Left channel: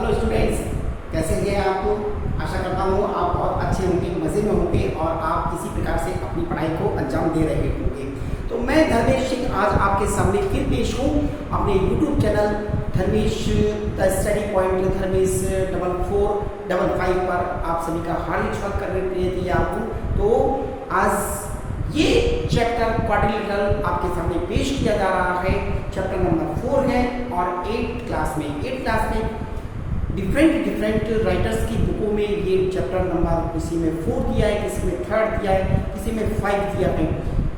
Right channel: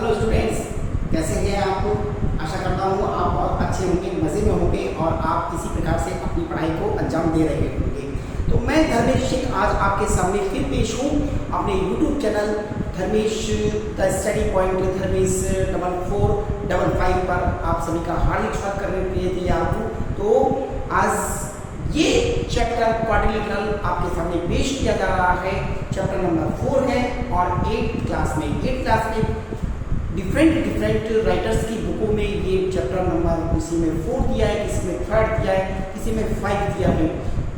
Hello students, कैसे हैं आप? आशा करता हूँ आप बहुत अच्छे होंगे, मज़े में होंगे और आप किसी प्रकार से अपनी पढ़ाई को अंजाम दे रहे होंगे। तो मैं धर्मेश सिंह आज आपके सामने फिर पेश हूँ अपने YouTube channel Dharmesh the study point Dharmesh 4455 पर आप सभी का हार्दिक स्वागत करने के लिए तैयार हूँ। तो आज ये चैप्टर क्वाड्रिलेटरल आपके सामने पेश किया जा रहा है। चैप्टर नंबर 4 है और 8th क्लास में डिफरेंट राइटर्स की बुकों में ये चैप्टर नंबर किसी में 4 दिया है, किसी में 3rd दिया है, किसी में 5 दिया है।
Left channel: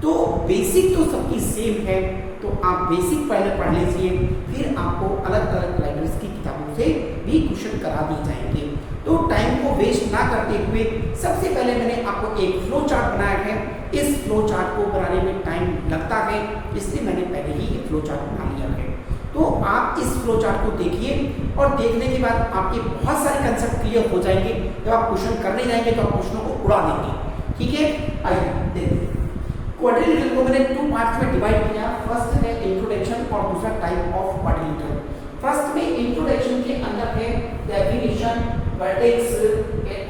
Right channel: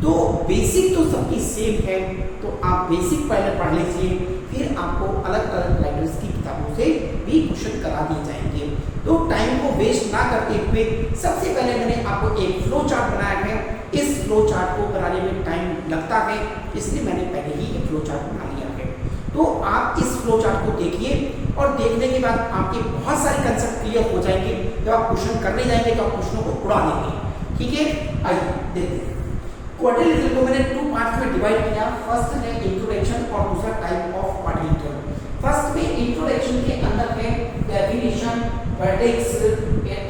तो बेसिक तो सबकी सेम है, तो आप बेसिक पहले पढ़ लीजिए, फिर आपको अलग अलग राइटर्स की किताबों से भी क्वेश्चन करा दिए जाएंगे। तो टाइम को वेस्ट ना करते हुए सबसे पहले मैंने आपको एक फ्लो चार्ट बनाया है। इस फ्लो चार्ट को बनाने में टाइम लगता है, इसलिए मैंने पहले ही ये फ्लो चार्ट बना लिया है। तो आप इस फ्लो चार्ट को देखिए और देखने के बाद आपके बहुत सारे कंसेप्ट क्लियर हो जाएंगे। जब आप क्वेश्चन करने जाएंगे तो आप क्वेश्चनों को उड़ा देंगे। ठीक है, आइए देखते हैं। क्वाड्रिलेटरल को मैंने 2 पार्ट्स में डिवाइड किया। फर्स्ट है इंट्रोडक्शन और दूसरा टाइप ऑफ क्वाड्रिलेटरल। फर्स्ट में इंट्रोडक्शन के अंदर है definition, vertex,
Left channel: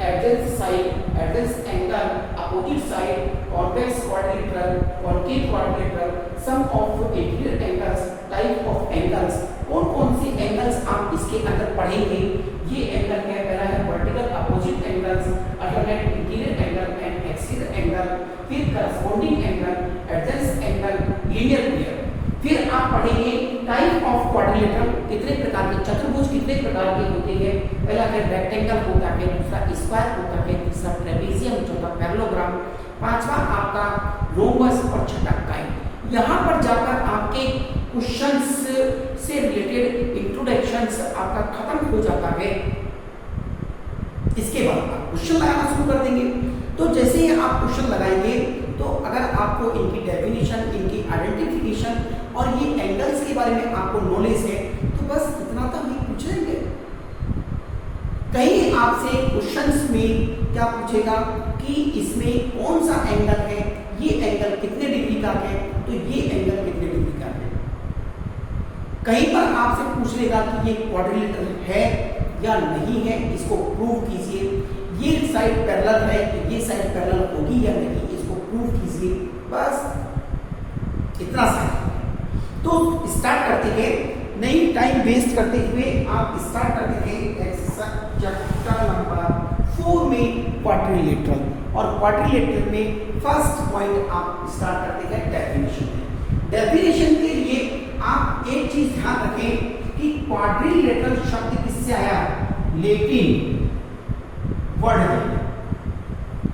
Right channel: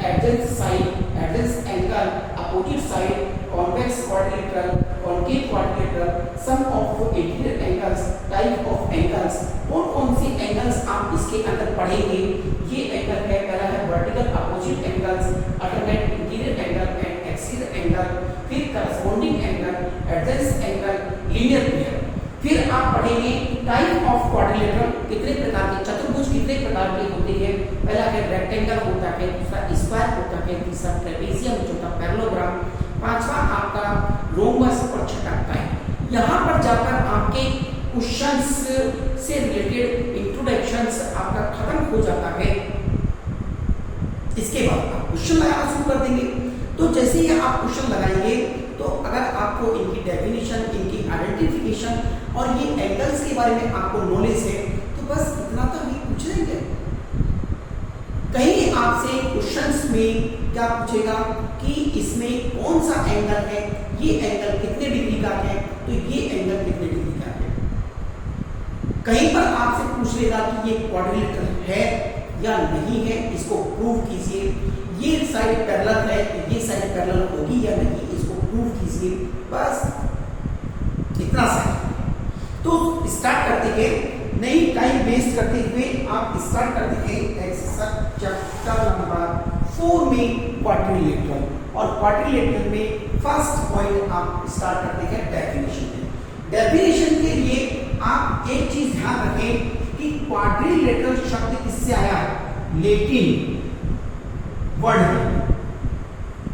adjacent side, adjacent angle, opposite side, convex quadrilateral, concave quadrilateral, sum of interior angles, type of angles. कौन कौन सी एंगल्स आप इसके अंदर पढ़ेंगे? ये एंगल है, पहला है vertical opposite angles, alternate interior angle and exterior angle, फिर corresponding angle, adjacent angle, linear pair. फिर आप पढ़ेंगे टाइप ऑफ क्वाड्रिलेटरल, कितने प्रकार के चतुर्भुज कितने प्रकार के होते हैं। पहला है रेक्टेंगल होता है, दूसरा स्क्वायर होता है, तीसरा ट्रेपेजियम, चौथा पैरेललोग्राम, पांचवा आपका रोम्बस और छठा काइन। यहाँ पर जाकर आपके क्वेश्चंस से रिलेटेड इंट्रोडक्शंस आपका खत्म हो जाता है। इसके बाद आप क्वेश्चन लगाना शुरू कर देंगे। तो जैसे ही आप क्वेश्चन लगाएंगे तो अगर आपको इनकी डेफिनेशन, इनकी आइडेंटिफिकेशन और ये एंगल्स के बारे में आपको नॉलेज है तो बस इतना तक ही पूछ लेंगे। कहीं आपसे क्वेश्चंस में क्या पूछेगा कि इसमें कौन सा एंगल है, ये एंगल कितने डिग्री का है, तो ये एंगल कितने डिग्री का है। कहीं पर आपसे पूछ लेगा कि ये क्वाड्रिलेटरल है या नहीं है, इसको प्रूव कीजिए। ये साइड पैरेलल है, ये साइड पैरेलल होगी या नहीं, इसको प्रूव कीजिए। बस इतना सा। तो स्टार्ट करते हैं, नहीं टाइम वेस्ट करते हुए आप स्टार्ट करते हैं चैप्टर नंबर 4 में क्वाड्रिलेटरल। और क्वाड्रिलेटरल में फर्स्ट पॉइंट आप स्टार्ट करते हैं डेफिनेशन। डेफिनेशन के लिए आप एक चीज ध्यान रखें कि क्वाड्रिलेटरल शब्द किससे आया है, लेकिन वर्ड है।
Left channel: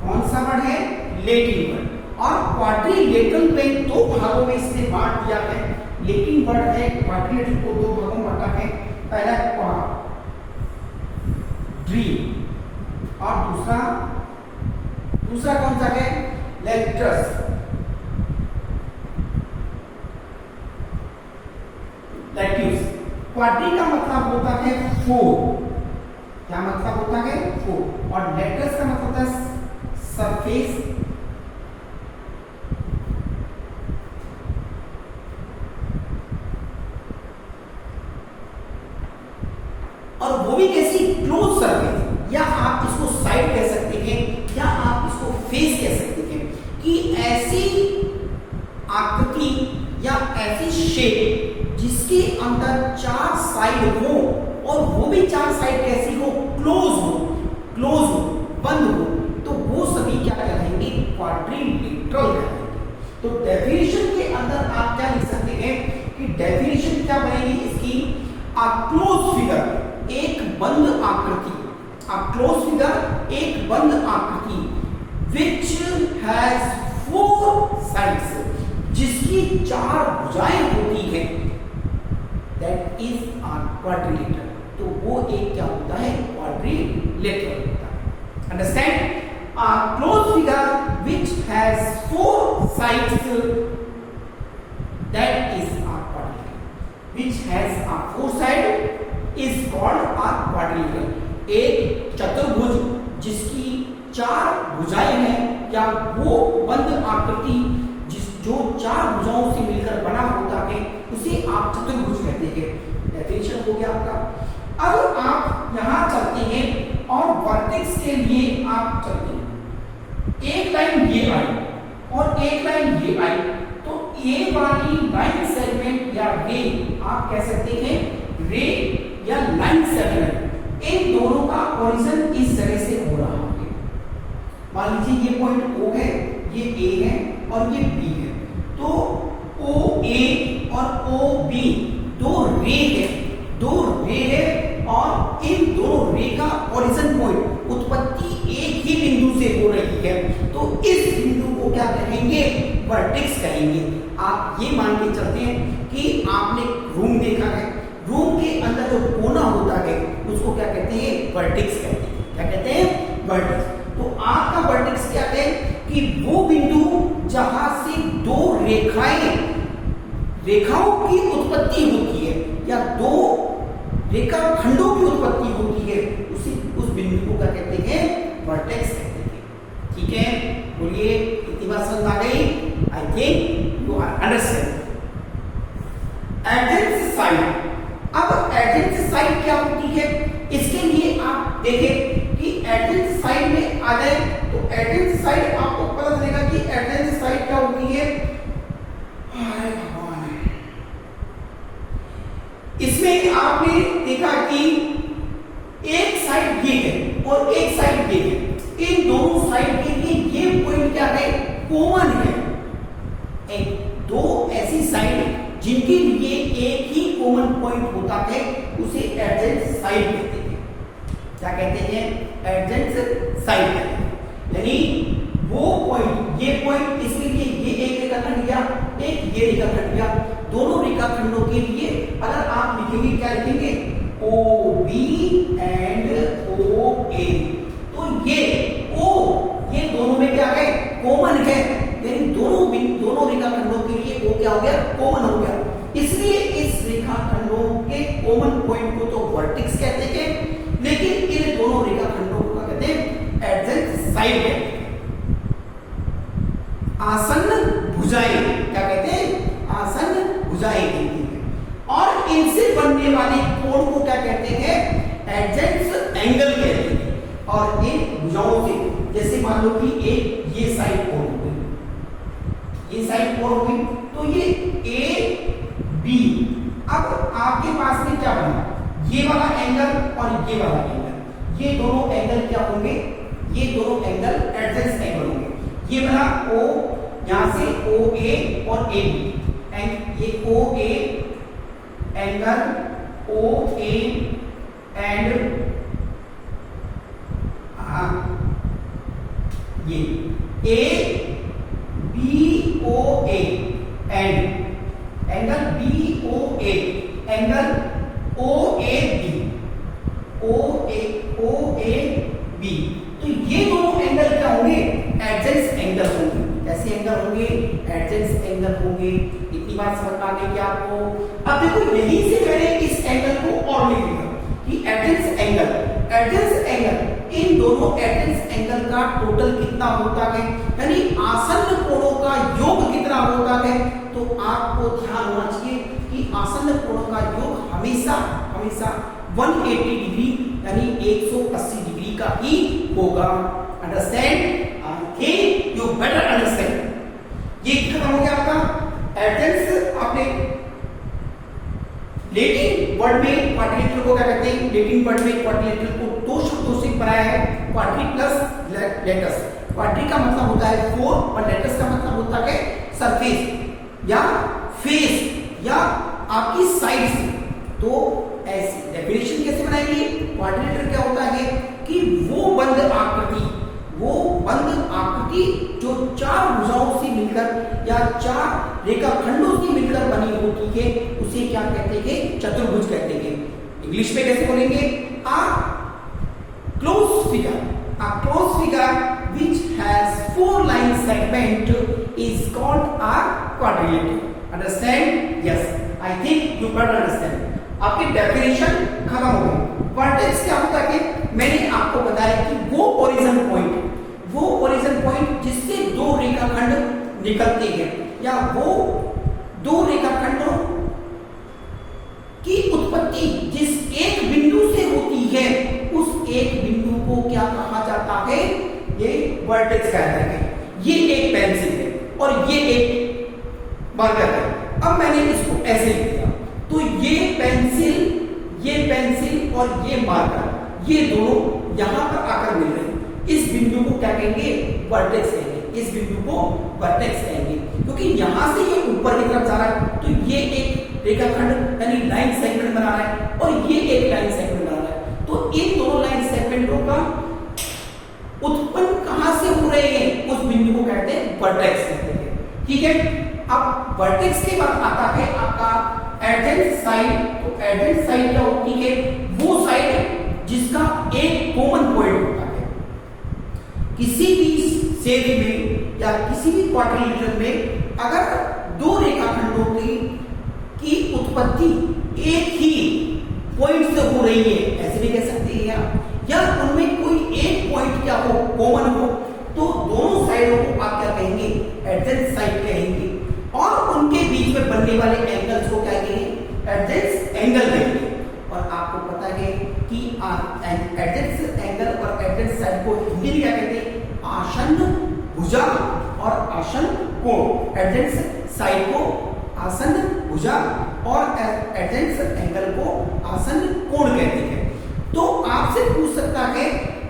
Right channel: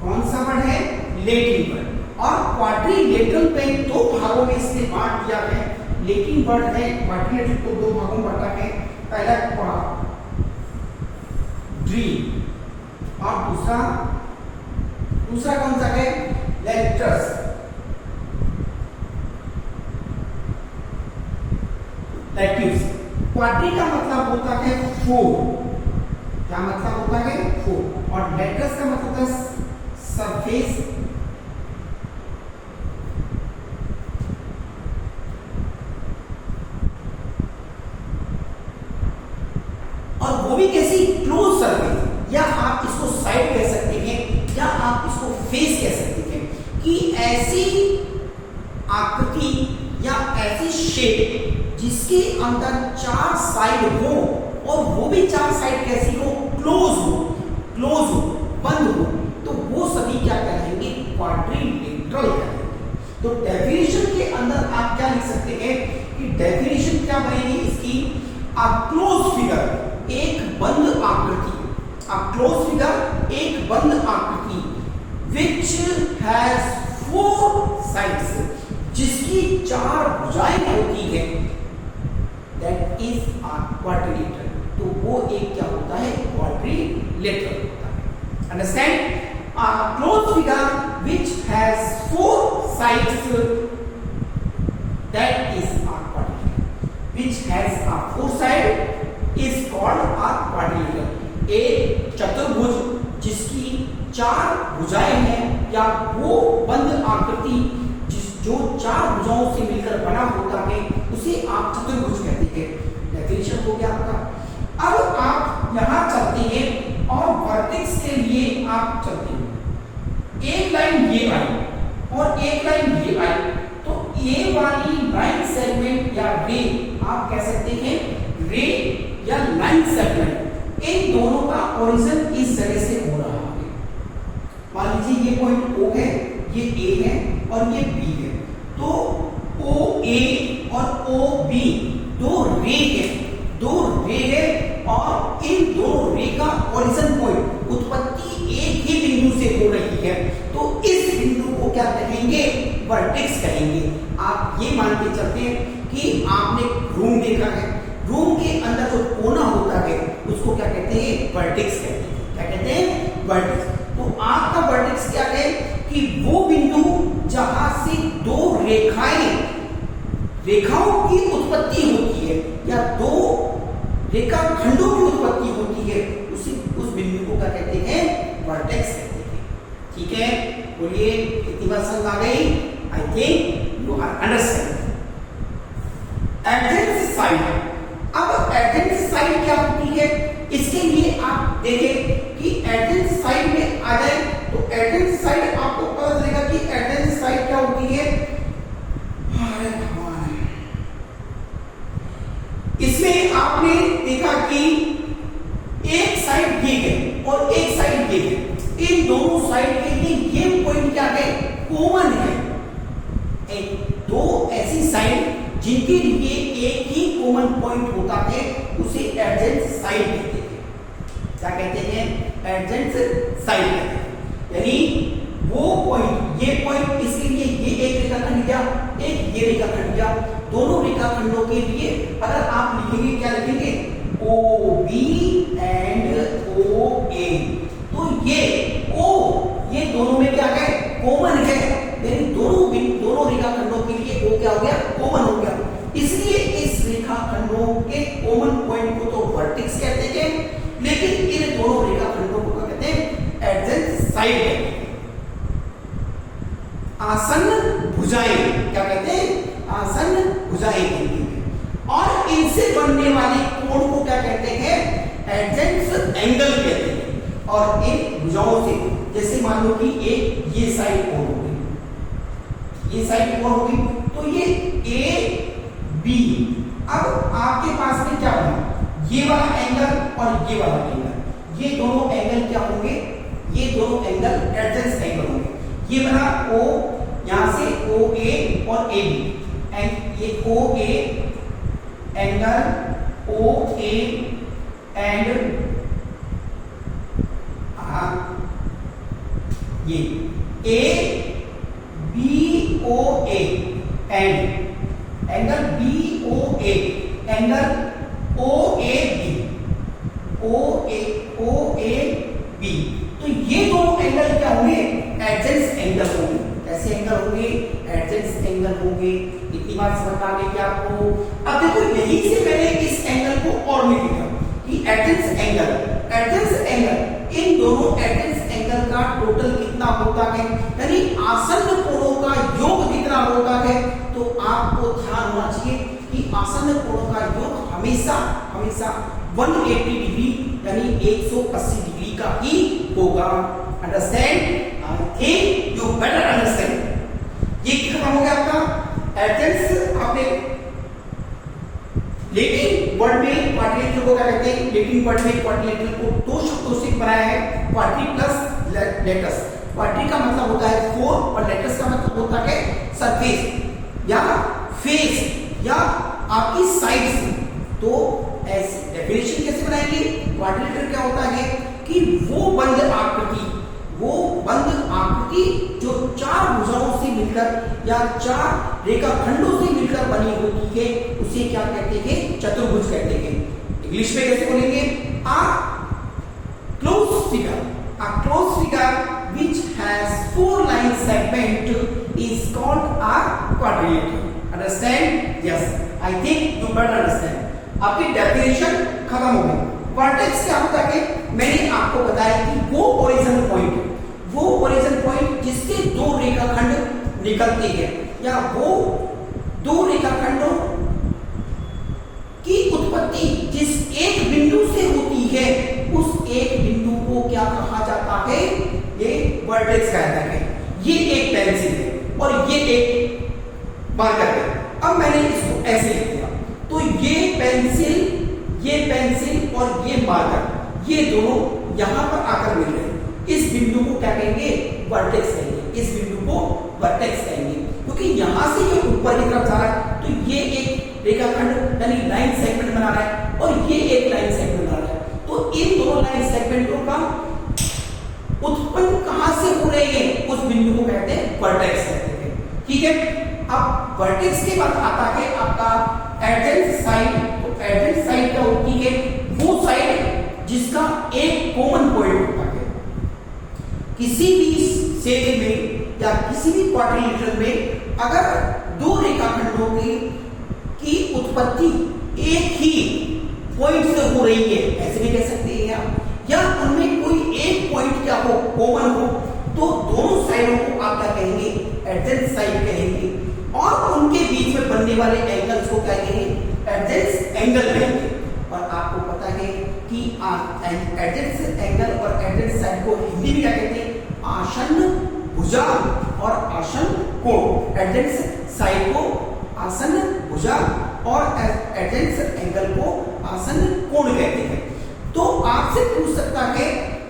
कौन सा वर्ड है? लेकिन वर्ड। और क्वाड्रिलेटरल पे 2 भागों में इसने बांट दिया है। लेकिन वर्ड है, क्वाड्रिलेटरल को 2 भागों में बांटा है। पहला क्वाड्री और दूसरा कौन सा है? लेटर्स। लेट्यूस। क्वाड्री का मतलब होता है 4। क्या मतलब होता है? 4। और लेटर्स का मतलब होता है सरफेस। और वो भी कैसी? क्लोज सरफेस, या आप इसको साइड कह सकते हैं या आप इसको फेस कह सकते हैं कि ऐसी आकृति या ऐसी शेप जिसके अंदर 4 साइड हो और वो भी 4 साइड कैसी हो? क्लोज हो, बंद हो, तो वो सभी क्या कहलाएंगे? क्वाड्रिलेटरल कहलाएंगे। तो डेफिनेशन के अंदर आप क्या लिख सकते हैं कि डेफिनेशन क्या बनेगी इसकी? अ क्लोज फिगर, एक बंद आकृति। अ क्लोज फिगर, एक बंद आकृति विच हैज 4 साइड्स, जिसकी 4 भुजाएं होती है, दैट इज अ क्वाड्रिलेटरल। तो वो एक क्या होता है? क्वाड्रिलेटरल होता है। Understand? A close figure which has 4 sides, that is a quadrilateral. Which has a 4 side is called a quadrilateral. एक चतुर्भुज जिसकी 4 भुजाएं हैं या वो बंद आकृति जो 4 भुजाओं से मिलकर बना होता है उसे आप चतुर्भुज कहते हैं। डेफिनेशन हो गया आपका। अब आप आप यहां चलते हैं और वर्टेक्स के लिए आप चलते हैं, एक लाइन ये आई और एक लाइन ये आई, तो ये वाली लाइन सेगमेंट या रे आप कह सकते हैं रे या लाइन सेगमेंट, इन दोनों का ओरिजिन इस जगह से हो रहा है। मान लीजिए ये पॉइंट O है, ये A है और ये B है, तो OA और OB दो रे है और इन दोनों रे का ओरिजिन पॉइंट उत्पत्ति एक ही बिंदु से हो रही है, तो इस बिंदु को क्या कहेंगे? वर्टेक्स कहेंगे। आप ये मान के चलते हैं कि आपने रूम देखा है, रूम के अंदर जो कोना होता है उसको क्या कहते हैं? वर्टेक्स कहते हैं। क्या कहते हैं? वर्टेक्स। तो आपका वर्टेक्स क्या है कि वो बिंदु जहां से दो रेखाओं की उत्पत्ति होती है या दो रेखाखंडों की उत्पत्ति होती है, उस बिंदु को क्या कहते हैं? वर्टेक्स कहते हैं। ठीक है, बोलिए कितनी बात समझ आ गई? I think you are understand. Adjacent side, अब एडजेंट साइड क्या होती है इसके लिए आप देखें कि एडजेंट साइड में आ जाए तो एडजेंट साइड आपको पता चलेगा कि एडजेंट साइड क्या होती है। इसमें आपने देखा कि एक साइड ये है और एक साइड ये है, इन दोनों साइड के लिए ये पॉइंट क्या है? कॉमन है। दो ऐसी साइड जिनके लिए एक ही कॉमन पॉइंट होता है उसे एडजेंट साइड कहते हैं। क्या कहते हैं? एडजेंट साइड कहते हैं। यानी वो पॉइंट, ये पॉइंट, इसके लिए ये एक रेखाखंड लिया, एक ये रेखाखंड लिया, दोनों रेखाखंडों के लिए अगर आप लिखेंगे, क्या लिखेंगे? OB एंड OA, तो ये O ये दोनों में क्या है? कॉमन है, यानी दोनों रेखाखंडों के लिए वो क्या हो गया? कॉमन हो गया। इसलिए इस रेखाखंडों के कॉमन पॉइंट को तो वर्टेक्स कहते हैं, लेकिन इन दोनों रेखाखंडों को क्या कहते हैं? एडजेंट साइड कहते हैं। आसन्न भुजाएं क्या कहते हैं? आसन्न भुजाएं कहते हैं। और इनसे बनने वाले कोण को क्या कहते हैं? एडजेंट एंगल कहते हैं। और इन भुजाओं से, जैसे मान लो कि एक ये साइड कोण हो गई, ये साइड कोण हो गई, तो ये AB, अब आपके पास में क्या बना? ये वाला एंगल और ये वाला एंगल, ये दोनों एंगल क्या होंगे? ये दोनों एंगल एडजेंट एंगल होंगे। ये बना O, यहां से OA और AB, एंड ये OA एंगल OA एंड ये ABOA and angle BOA angle OAB, तो ये दोनों एंगल क्या होंगे? एडजेंट एंगल होंगे। कैसे एंगल होंगे? एडजेंट एंगल होंगे। इतनी बात समझ आ गई क्या आपको? अब देखो, यहीं से मैंने इस एंगल को और लिख दिया कि एडजेंट एंगल, इन दोनों एडजेंट एंगल का टोटल कितना होता है, यानी आसन्न कोणों का योग कितना होता है। तो आपको ध्यान होना चाहिए कि आसन्न कोणों का योग हमेशा 180 डिग्री यानी 180 डिग्री का ही होगा। Understand? I think you better understand. ये खत्म हो गया आपका एडजेंट। आपने लेटिन वर्ड में क्वाड्रिलेटरल को क्या कहते हैं? लेटिन वर्ड में क्वाड्रिलेटरल को दो शब्दों से बनाया है, क्वाड्री प्लस लेटस। क्वाड्री का मतलब होता है 4 और लेटस का मतलब होता है सरफेस या फेस या आपकी साइड्स। तो ऐसी डेफिनेशन कैसे बनाएंगे? क्वाड्रिलेटरल क्या होता है कि वो बंद आकृति जो चार भुजाओं से मिलकर या चार रेखाखंडों से मिलकर बनी होती है उसे क्या कहते हैं? चतुर्भुज कहते हैं। इंग्लिश में कैसे बोलेंगे? A closed figure which has 4 line segment is called a quadrilateral. Understand? Yes. I think you better understand. आपकी डेफिनेशन खत्म हो गई। वर्टेक्स क्या होता है? मैंने आपको बताया कि वो ओरिजिन पॉइंट जिससे दो रेखाखंड निकलते हैं या वो दो रेखाखंडों की उत्पत्ति जिस एक बिंदु से होती है वर्टेक्स कहते हैं। ये एक पेंसिल है और ये एक मार्कर है। अब मैंने इसको ऐसे लिख दिया तो ये पेंसिल और ये मार्कर, ये दोनों यहां पर आकर मिल रहे हैं। इस बिंदु को क्या कहेंगे? वर्टेक्स कहेंगे। इस बिंदु को वर्टेक्स कहेंगे क्योंकि यहां से ये ऊपर की तरफ जा रहा है तो ये एक रेखाखंड यानी लाइन सेगमेंट बना रहा है और ये एक लाइन सेगमेंट बना रहा है। तो इन दोनों लाइन सेगमेंटों का उत्पन्न कहां से हो रही है उस बिंदु को कहते हैं वर्टेक्स कहते हैं। ठीक है, अब वर्टेक्स के बाद आता है आपका एडजेंट साइड। तो एडजेंट साइड क्या होती है? वो साइड जिसका एक कॉमन पॉइंट होता है। किसी भी सेरी में या किसी भी क्वाड्रिलेटरल में अगर दो रेखाखंडों की उत्पत्ति एक ही पॉइंट से हो रही है, ऐसे भी कह सकते हैं, या उनमें कोई एक पॉइंट क्या हो, कॉमन हो, तो दोनों साइडों को आप क्या कहेंगे? एडजेंट साइड कहेंगे। और उनके बीच में बनने वाले एंगल्स को क्या कहेंगे? एडजेंट एंगल कहेंगे। और आपको पता है कि एडजेंट एंगल और एडजेंट साइड को हिंदी में क्या कहते हैं? आसन्न भुजा और आसन्न कोण। एडजेंट साइड को आसन्न भुजा और एडजेंट एंगल को आसन्न कोण कहते हैं। तो आपसे पूछ सकता है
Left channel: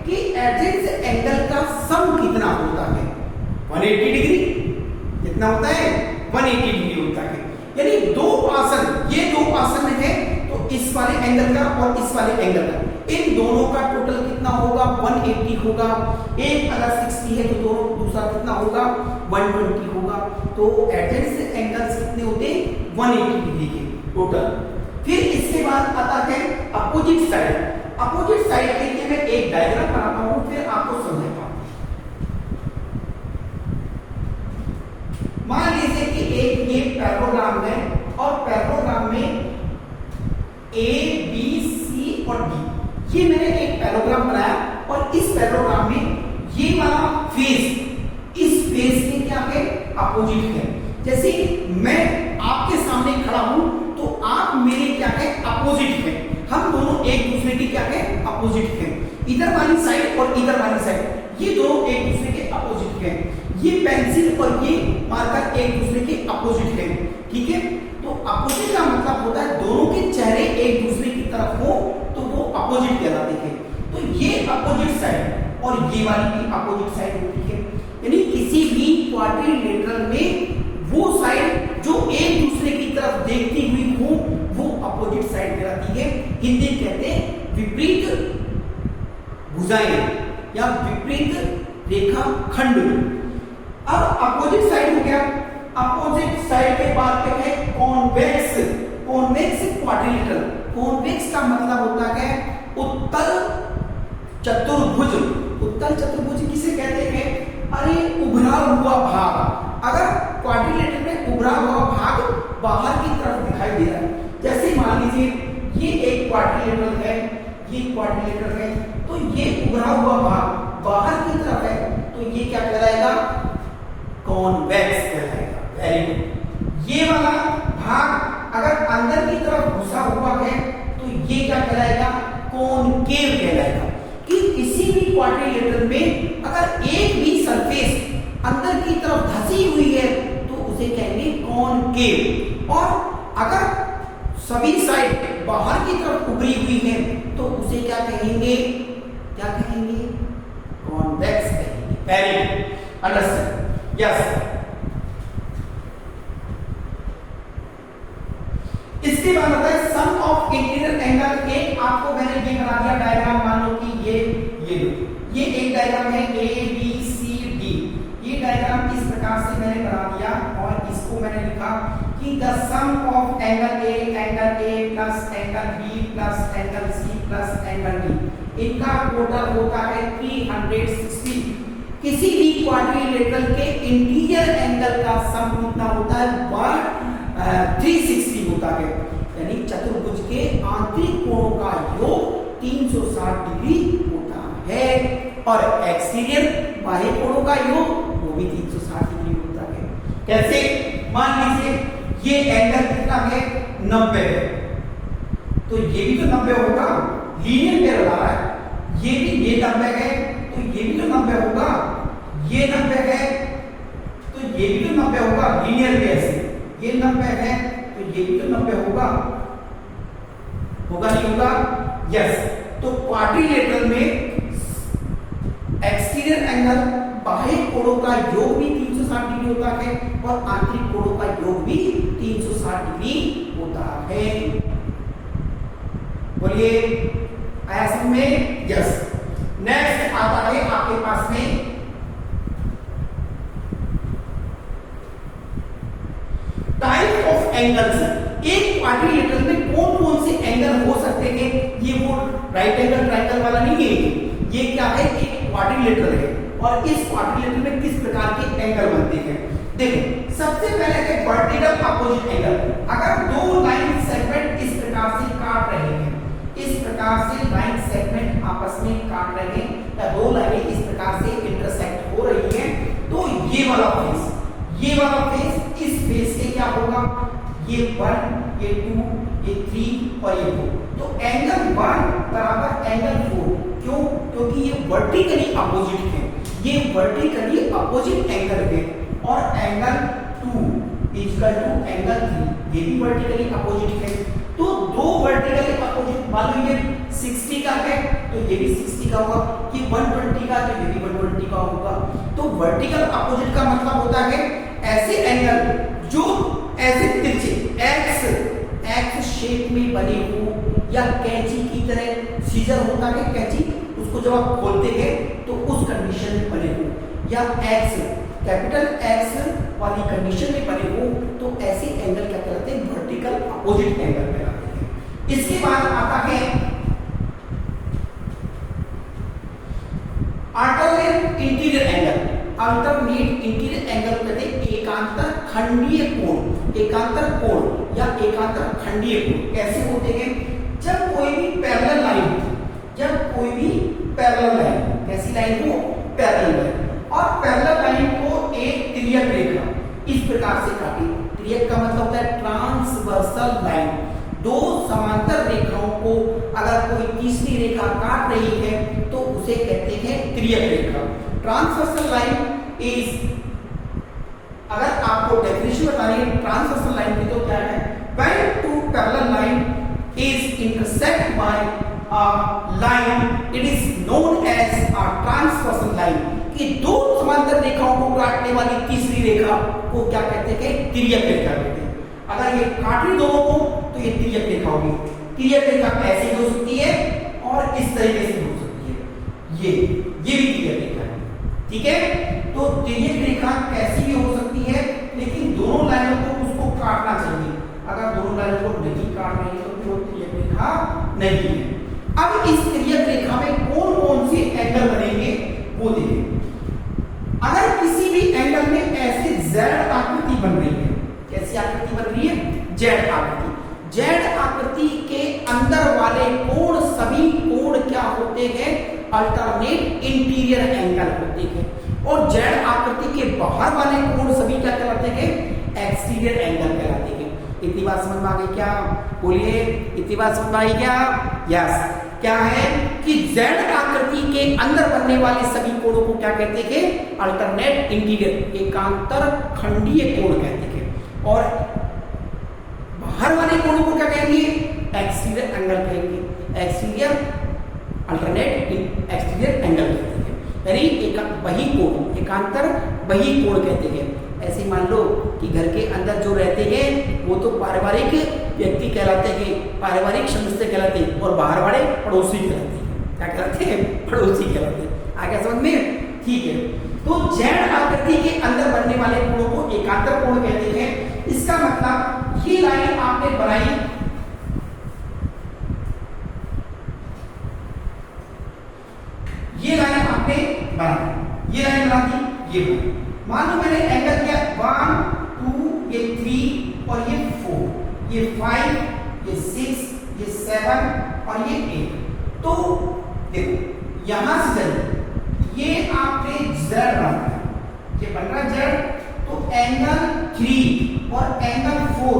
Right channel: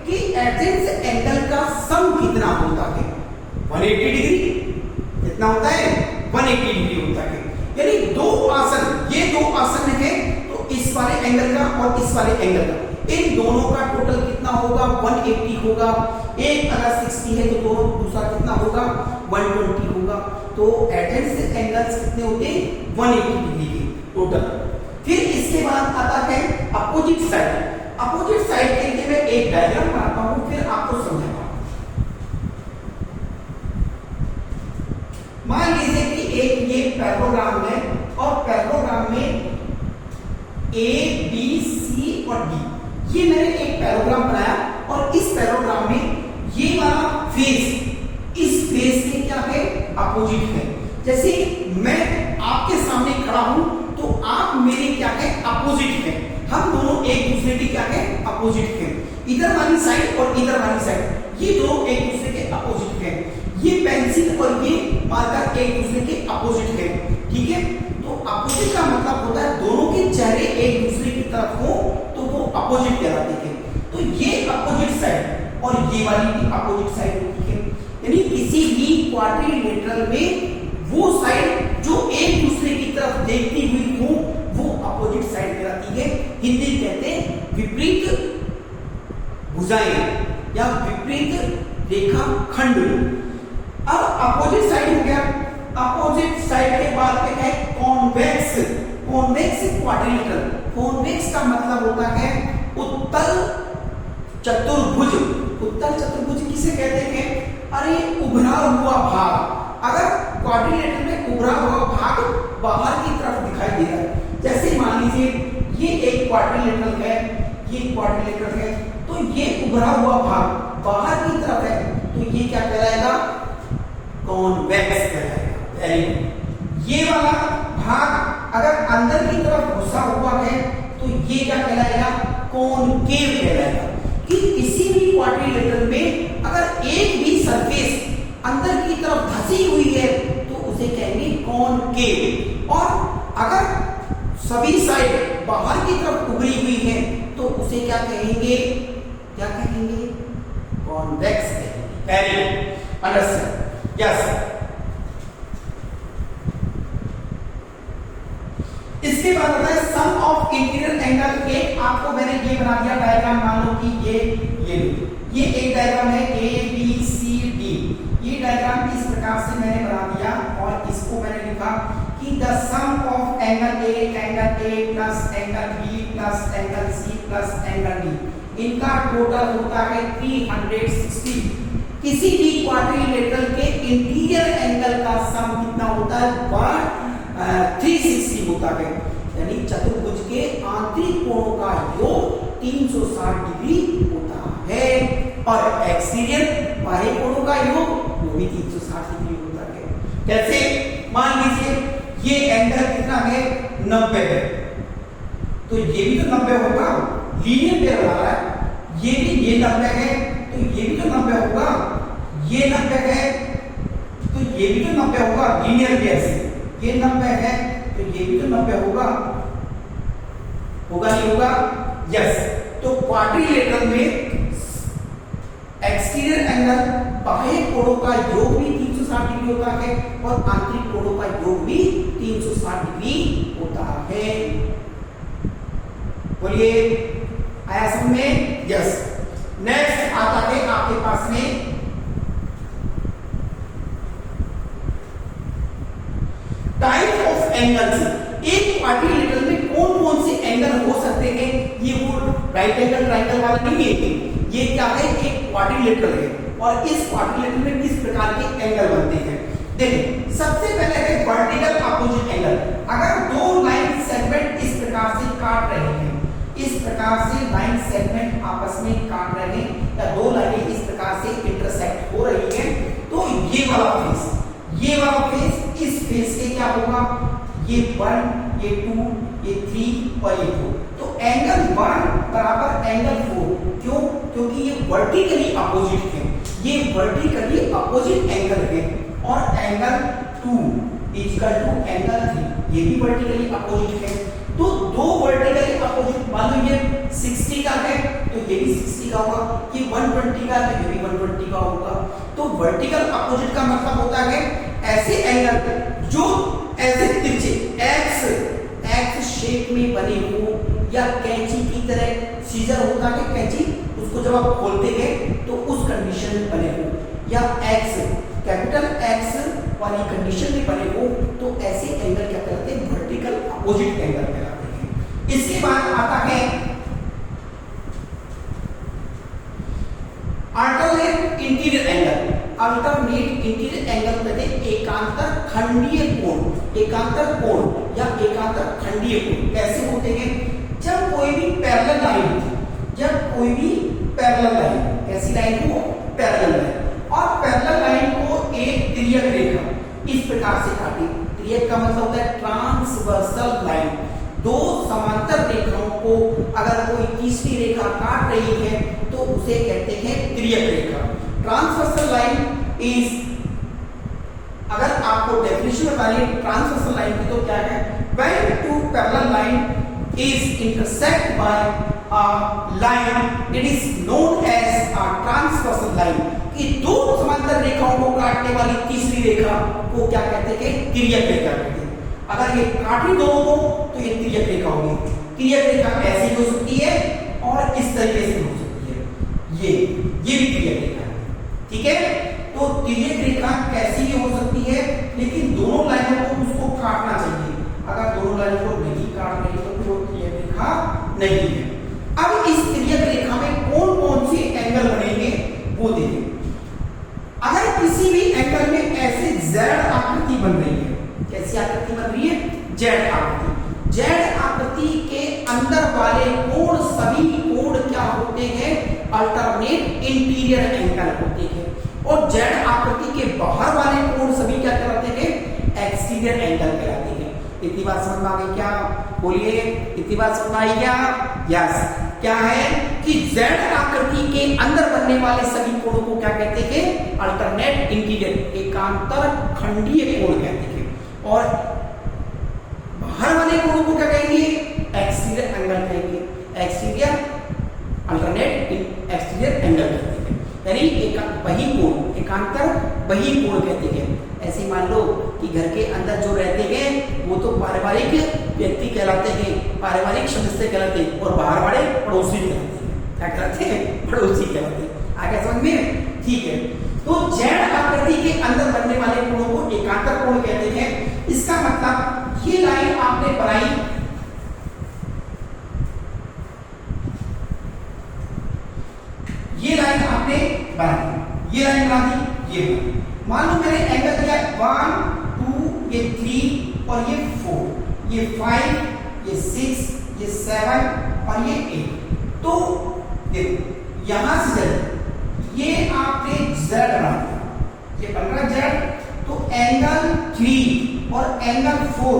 कि एडजेंट एंगल का सम कितना होता है? 180 डिग्री। कितना होता है? 180 डिग्री होता है। यानी दो आसन, ये दो आसन है तो इस वाले एंगल का और इस वाले एंगल का, इन दोनों का टोटल कितना होगा? 180 होगा। एक अगर 60 है तो दोनों दूसरा कितना होगा? 120 होगा। तो एडजेंट एंगल्स कितने होते हैं? 180 डिग्री के टोटल। फिर इसके बाद आता है अपोजिट साइड। अपोजिट साइड के लिए मैं एक डायग्राम बनाता हूं, फिर आपको समझाता हूं। मान लीजिए कि एक ये पैराग्राम है और पैराग्राम में ए बी सी और डी, ये मैंने एक पैराग्राम बनाया और इस पैराग्राम में ये वाला फेस, इस फेस के क्या है? अपोजिट है। जैसे मैं आपके सामने खड़ा हूं तो आप मेरे क्या है? अपोजिट है। हम दोनों एक दूसरे के क्या है? अपोजिट है। इधर वाली साइड और इधर वाली साइड, ये दोनों एक दूसरे के अपोजिट है। ये पेंसिल और ये मार्कर एक दूसरे के अपोजिट है। ठीक है, तो अपोजिट का मतलब होता है दोनों के चेहरे एक दूसरे की तरफ हो तो वो अपोजिट कहलाते हैं। तो ये अपोजिट साइड और ये वाली भी अपोजिट साइड होती है। यानी किसी भी क्वाड्रिलेटरल में वो साइड जो एक दूसरे की तरफ देखती हुई हो वो अपोजिट साइड कहलाती है। हिंदी कहते हैं विपरीत भुजाएं या विपरीत रेखा खंड। अब अपोजिट साइड हो गया। अपोजिट साइड के बाद पे है कॉन्वेक्स। Convex quadrilateral. कॉन्वेक्स का मतलब होता है उत्तल चतुर्भुज। उत्तल चतुर्भुज किसे कहते हैं? अरे उभरा हुआ भाग। अगर क्वाड्रिलेटरल में उभरा हुआ भाग बाहर की तरफ दिखाई दे रहा है, जैसे मान लीजिए ये एक क्वाड्रिलेटरल है, ये क्वाड्रिलेटरल है, तो ये उभरा हुआ भाग बाहर की तरफ है तो ये क्या कहलाएगा? कॉन्वेक्स कहलाएगा। Very good. ये वाला भाग अगर अंदर की तरफ घुसा हुआ है तो ये क्या कहलाएगा? कॉनकेव कहलाएगा। कि किसी भी क्वाड्रिलेटरल में अगर एक भी सरफेस अंदर की तरफ धसी हुई है तो उसे कहेंगे कॉनकेव। और अगर सभी साइड बाहर की तरफ उभरी हुई है तो उसे क्या कहेंगे? क्या कहेंगे? कॉन्वेक्स कहेंगे। Very good, understand? यस। इसके बाद होता है सम ऑफ इंटीरियर एंगल। एक आपको मैंने ये बना दिया डायग्राम, मान लो कि ये एक डायग्राम है ए बी सी डी। ये डायग्राम इस प्रकार से मैंने बना दिया और इसको मैंने लिखा कि the sum of angle A plus angle B plus angle C plus angle D, इनका टोटल होता है 360। किसी भी क्वाड्रिलेटरल के इंटीरियर एंगल का सम कितना होता है? 360 होता है। यानी चतुर्भुज के आंतरिक कोणों का योग 360 डिग्री होता है और एक्सटीरियर बाह्य कोणों का योग वो भी 360 डिग्री होता है। कैसे? मान लीजिए ये एंगल कितना है? 90 है, तो ये भी तो 90 होगा। लीनियर पैरेलल आ रहा है, ये भी ये 90 है तो ये भी तो 90 होगा। ये 90 है तो ये भी तो 90 होगा, लीनियर वे से ये 90 है तो ये भी तो 90 होगा नहीं होगा? यस। तो क्वाड्रिलेटरल में एक्सटीरियर एंगल बाह्य कोणों का योग भी 360 डिग्री होता है और आंतरिक कोणों का योग भी 360 डिग्री होता है। बोलिए आया समझ में? यस। नेक्स्ट आता है आपके पास में टाइप ऑफ एंगल्स। एक क्वाड्रिलेटरल में कौन कौन से एंगल हो सकते हैं? ये वो राइट एंगल ट्रायंगल वाला नहीं है, ये क्या है? एक क्वाड्रिलेटरल है और इस क्वाड्रिलेटरल में किस प्रकार के एंगल बनते हैं? देखो सबसे पहले है वर्टिकल अपोजिट एंगल। अगर दो लाइन सेगमेंट इस प्रकार से काट रहे हैं, इस प्रकार से लाइन सेगमेंट आपस में काट रहे हैं या दो लाइनें इस प्रकार से इंटरसेक्ट हो रही हैं, तो ये वाला फेस इस फेस से क्या होगा? ये 1, ये 2, ये 3 और ये 4। तो एंगल 1 बराबर एंगल 4। क्यों? क्योंकि ये वर्टिकली अपोजिट है, ये वर्टिकली अपोजिट एंगल है। और एंगल 2 इक्वल टू एंगल 3, ये भी वर्टिकली अपोजिट है। तो दो वर्टिकली अपोजिट, मान लो ये 60 का है तो ये भी 60 का होगा, कि 120 का तो ये भी 120 का होगा। तो वर्टिकल अपोजिट का मतलब होता है ऐसे एंगल जो ऐसे तिरछे एक्स शेप में बने हो, या कैंची की तरह सीजर होता है कैंची, उसको जब आप खोलते हैं तो उस कंडीशन में बने हो, या कैपिटल एक्स वाली कंडीशन में बने हो, तो ऐसे एंगल क्या कहलाते हैं? वर्टिकल अपोजिट एंगल कहलाते हैं। इसके बाद आता है alternate interior angle. Alternate interior angle कहते हैं एकांतर खंडीय कोण, एकांतर कोण या एकांतर खंडीय कोण। कैसे होते हैं? जब कोई भी पैरेलल लाइन, कैसी लाइन हो? पैरेलल लाइन, और पैरेलल लाइन को एक तिर्यक रेखा इस प्रकार से काटे। तिर्यक का मतलब होता है ट्रांसवर्सल लाइन। दो समांतर रेखाओं को अगर कोई तीसरी रेखा काट रही है तो उसे कहते हैं तिर्यक रेखा। ट्रांसवर्सल लाइन इज, अगर आपको डेफिनेशन बताइए ट्रांसवर्सल लाइन की तो क्या है? When two parallel line is intersect by a line it is known as a transversal line. कि दो समांतर रेखाओं को काटने वाली तीसरी रेखा को क्या कहते हैं? तिर्यक रेखा कहते हैं। अगर ये काट रही दोनों को तो ये तिर्यक रेखा होगी। तिर्यक रेखा ऐसी हो सकती है और इस तरीके से हो सकती है, ये भी तिर्यक रेखा है, ठीक है? तो तिर्यक रेखा कैसी भी हो सकती है, लेकिन दोनों लाइनों को उसको काटना चाहिए। अगर दोनों लाइनों को नहीं काट रही है तो वो तिर्यक रेखा नहीं है। अब इस तिर्यक रेखा में कौन कौन से एंगल बनेंगे वो देखिए। अगर किसी भी एंगल में ऐसे जेड आकृति बन रही है, कैसी आकृति बन रही है? जेड आकृति। जेड आकृति के अंदर वाले कोण, सभी कोण क्या होते हैं? अल्टरनेट इंटीरियर एंगल होते हैं। और जेड आकृति के बाहर वाले कोण सभी क्या कहलाते हैं? एक्सटीरियर एंगल कहलाते हैं। इतनी बात समझ में आ गई क्या? बोलिए, इतनी बात समझ में आई क्या? यस। क्या है कि जेड आकृति के अंदर बनने वाले सभी कोणों को क्या कहते हैं? अल्टरनेट इंटीरियर, एकांतर खंडीय कोण कहते हैं। और बाहर वाले कोणों को क्या कहेंगे? एक्सटीरियर एंगल कहेंगे। एक्सटीरियर अल्टरनेट एक्सटीरियर एंगल कहते हैं, यानी बही कोण, एकांतर बही कोण कहते हैं। ऐसे मान लो कि घर के अंदर जो रहते हैं वो तो पारिवारिक व्यक्ति कहलाते हैं, पारिवारिक सदस्य कहलाते हैं, और बाहर वाले पड़ोसी कहलाते हैं। क्या कहलाते हैं? पड़ोसी कहलाते हैं। आगे समझ में? ठीक है। तो जेड आकृति के अंदर बनने वाले कोणों को एकांतर कोण कहते हैं। इसका मतलब ये लाइन आपने बनाई, ये लाइन आपने बनाई, ये लाइन बना दी, ये बना। मान लो मैंने एंगल दिया 1, 2, ये 3 और ये 4, ये 5, ये 6, ये 7 और ये 8। तो देखो यहां से चलिए, ये आपने जेड बना, ये बन रहा जेड। तो एंगल 3 और एंगल 4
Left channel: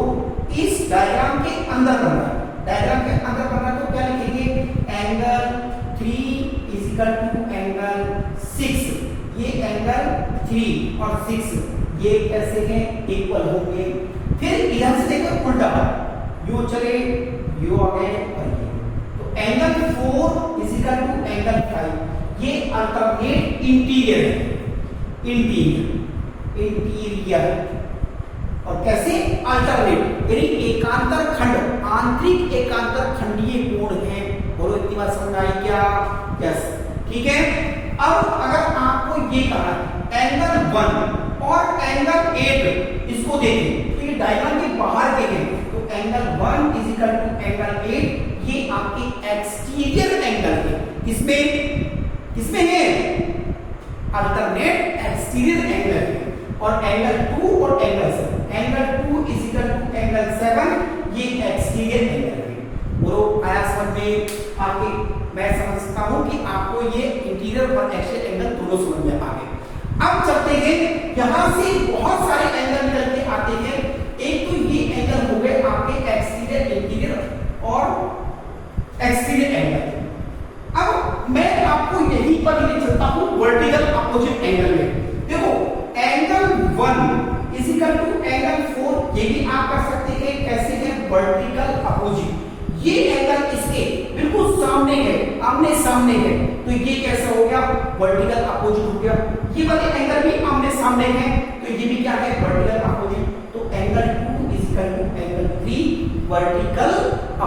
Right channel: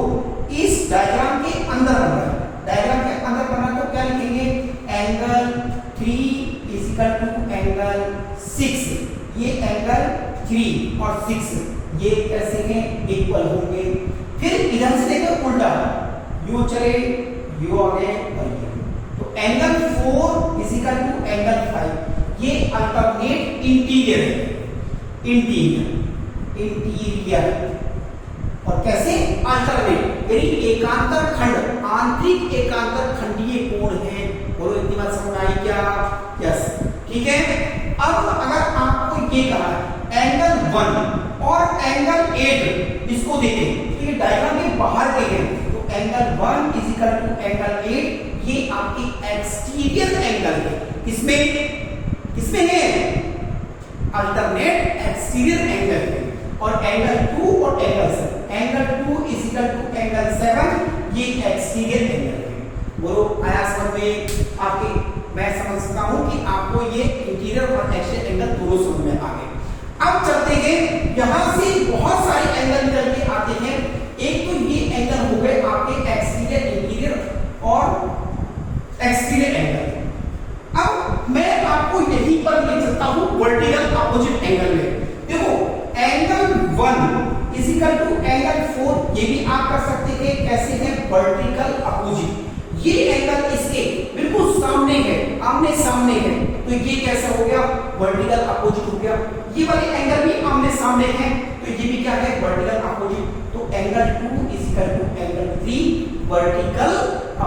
इस डायग्राम के अंदर बन रहा है। डायग्राम के अंदर बन रहा है तो क्या लिखेंगे? Angle 3 is equal to angle 6 ये एंगल 3 और 6 ये कैसे हैं इक्वल होंगे। फिर इधर से देखो उल्टा यू चले यू आ गए और ये, तो angle 4 is equal to angle 5 ये अल्टरनेट इंटीरियर है, इंटीरियर और कैसे अल्टरनेट यानी एकांतर खंड आंतरिक एकांतर खंडीय कोण है। बोलो इतनी बात समझ में आई क्या? यस ठीक है। अब अगर आपको ये कहा एंगल 1 और एंगल 8 इसको देखें तो ये डायग्राम के बाहर के हैं, तो angle 1 is equal to angle 8 ये आपकी एक्सटीरियर एंगल है। किसमें है अल्टरनेट एक्सटीरियर एंगल है। और एंगल 2 और angle 7 angle 2 is equal to angle 7 ये एक्सटीरियर एंगल है। बोलो आया समझ में आपके? मैं समझता हूं कि आपको ये इंटीरियर और एक्सटीरियर एंगल दोनों समझ में आ गए। अब चलते हैं, यहां से बहुत सारे एंगल निकल के आते हैं। एक तो ये एंगल हो गए आपके एक्सटीरियर इंटीरियर और एक्सटीरियर एंगल। अब मैं आपको यहीं पर ले चलता हूं वर्टिकल अपोजिट एंगल में। देखो angle 1 is equal to angle 4 ये भी आप कर सकते हैं। कैसे है? Vertical opposite. ये एंगल इसके बिल्कुल सामने है, आमने सामने है, तो ये कैसा हो गया? वर्टिकल अपोजिट हो गया। ये वाले एंगल भी आमने सामने है, तो ये भी क्या है? Vertical opposite. तो angle 2 is equal to angle 3 vertical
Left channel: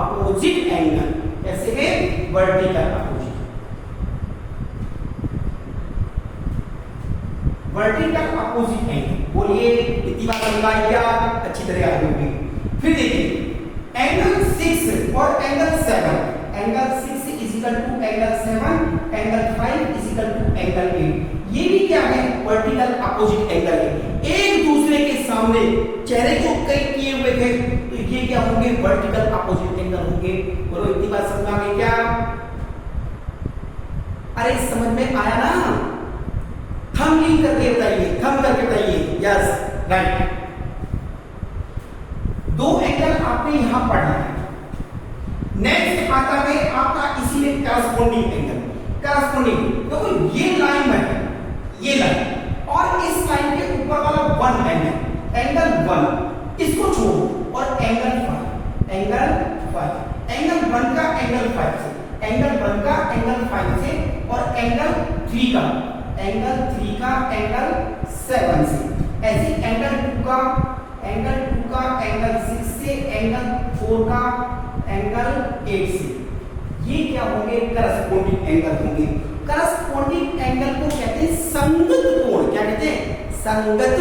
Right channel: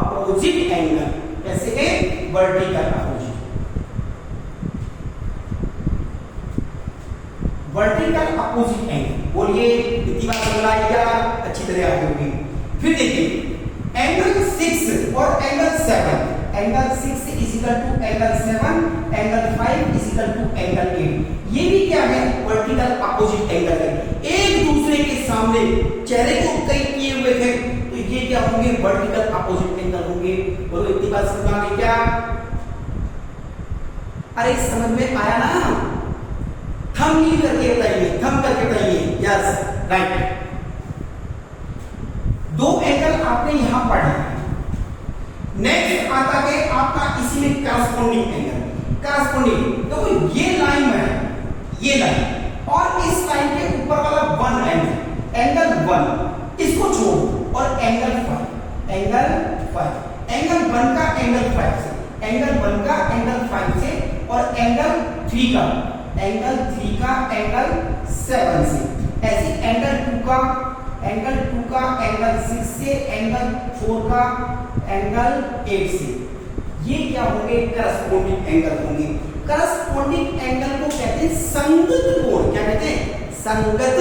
opposite angle. कैसे है? Vertical opposite. Vertical opposite angle बोलिए इतनी बात समझ आई क्या? अच्छी तरह आ होगी। फिर देखिए एंगल 6 और angle 7 angle 6 is equal to angle 7 angle 5 is equal to angle 8 ये भी क्या है? वर्टिकल अपोजिट एंगल है। एक दूसरे के सामने चेहरे को कई किए हुए थे, तो ये क्या होंगे? वर्टिकल अपोजिट एंगल होंगे। बोलो इतनी बात समझ में क्या? अरे समझ में आया ना? थंब नहीं करके बताइए, थंब करके बताइए। Yes right. दो एंगल आपने यहां पढ़ा। नेक्स्ट आता है आपका इसी में करस्पॉन्डिंग एंगल। करस्पॉन्डिंग देखो ये लाइन है, ये लाइन और इस लाइन के ऊपर वाला 1 एंगल एंगल 1 इसको छोड़ और एंगल 5 एंगल 1 का एंगल 5 से एंगल 1 का एंगल 5 से और एंगल 3 का एंगल 7 से। ऐसे एंगल 2 का एंगल 6 से एंगल 4 का एंगल 8 से। ये क्या होंगे? करस्पॉन्डिंग एंगल होंगे। करस्पॉन्डिंग एंगल को कहते हैं संगत कोण। क्या कहते हैं? संगत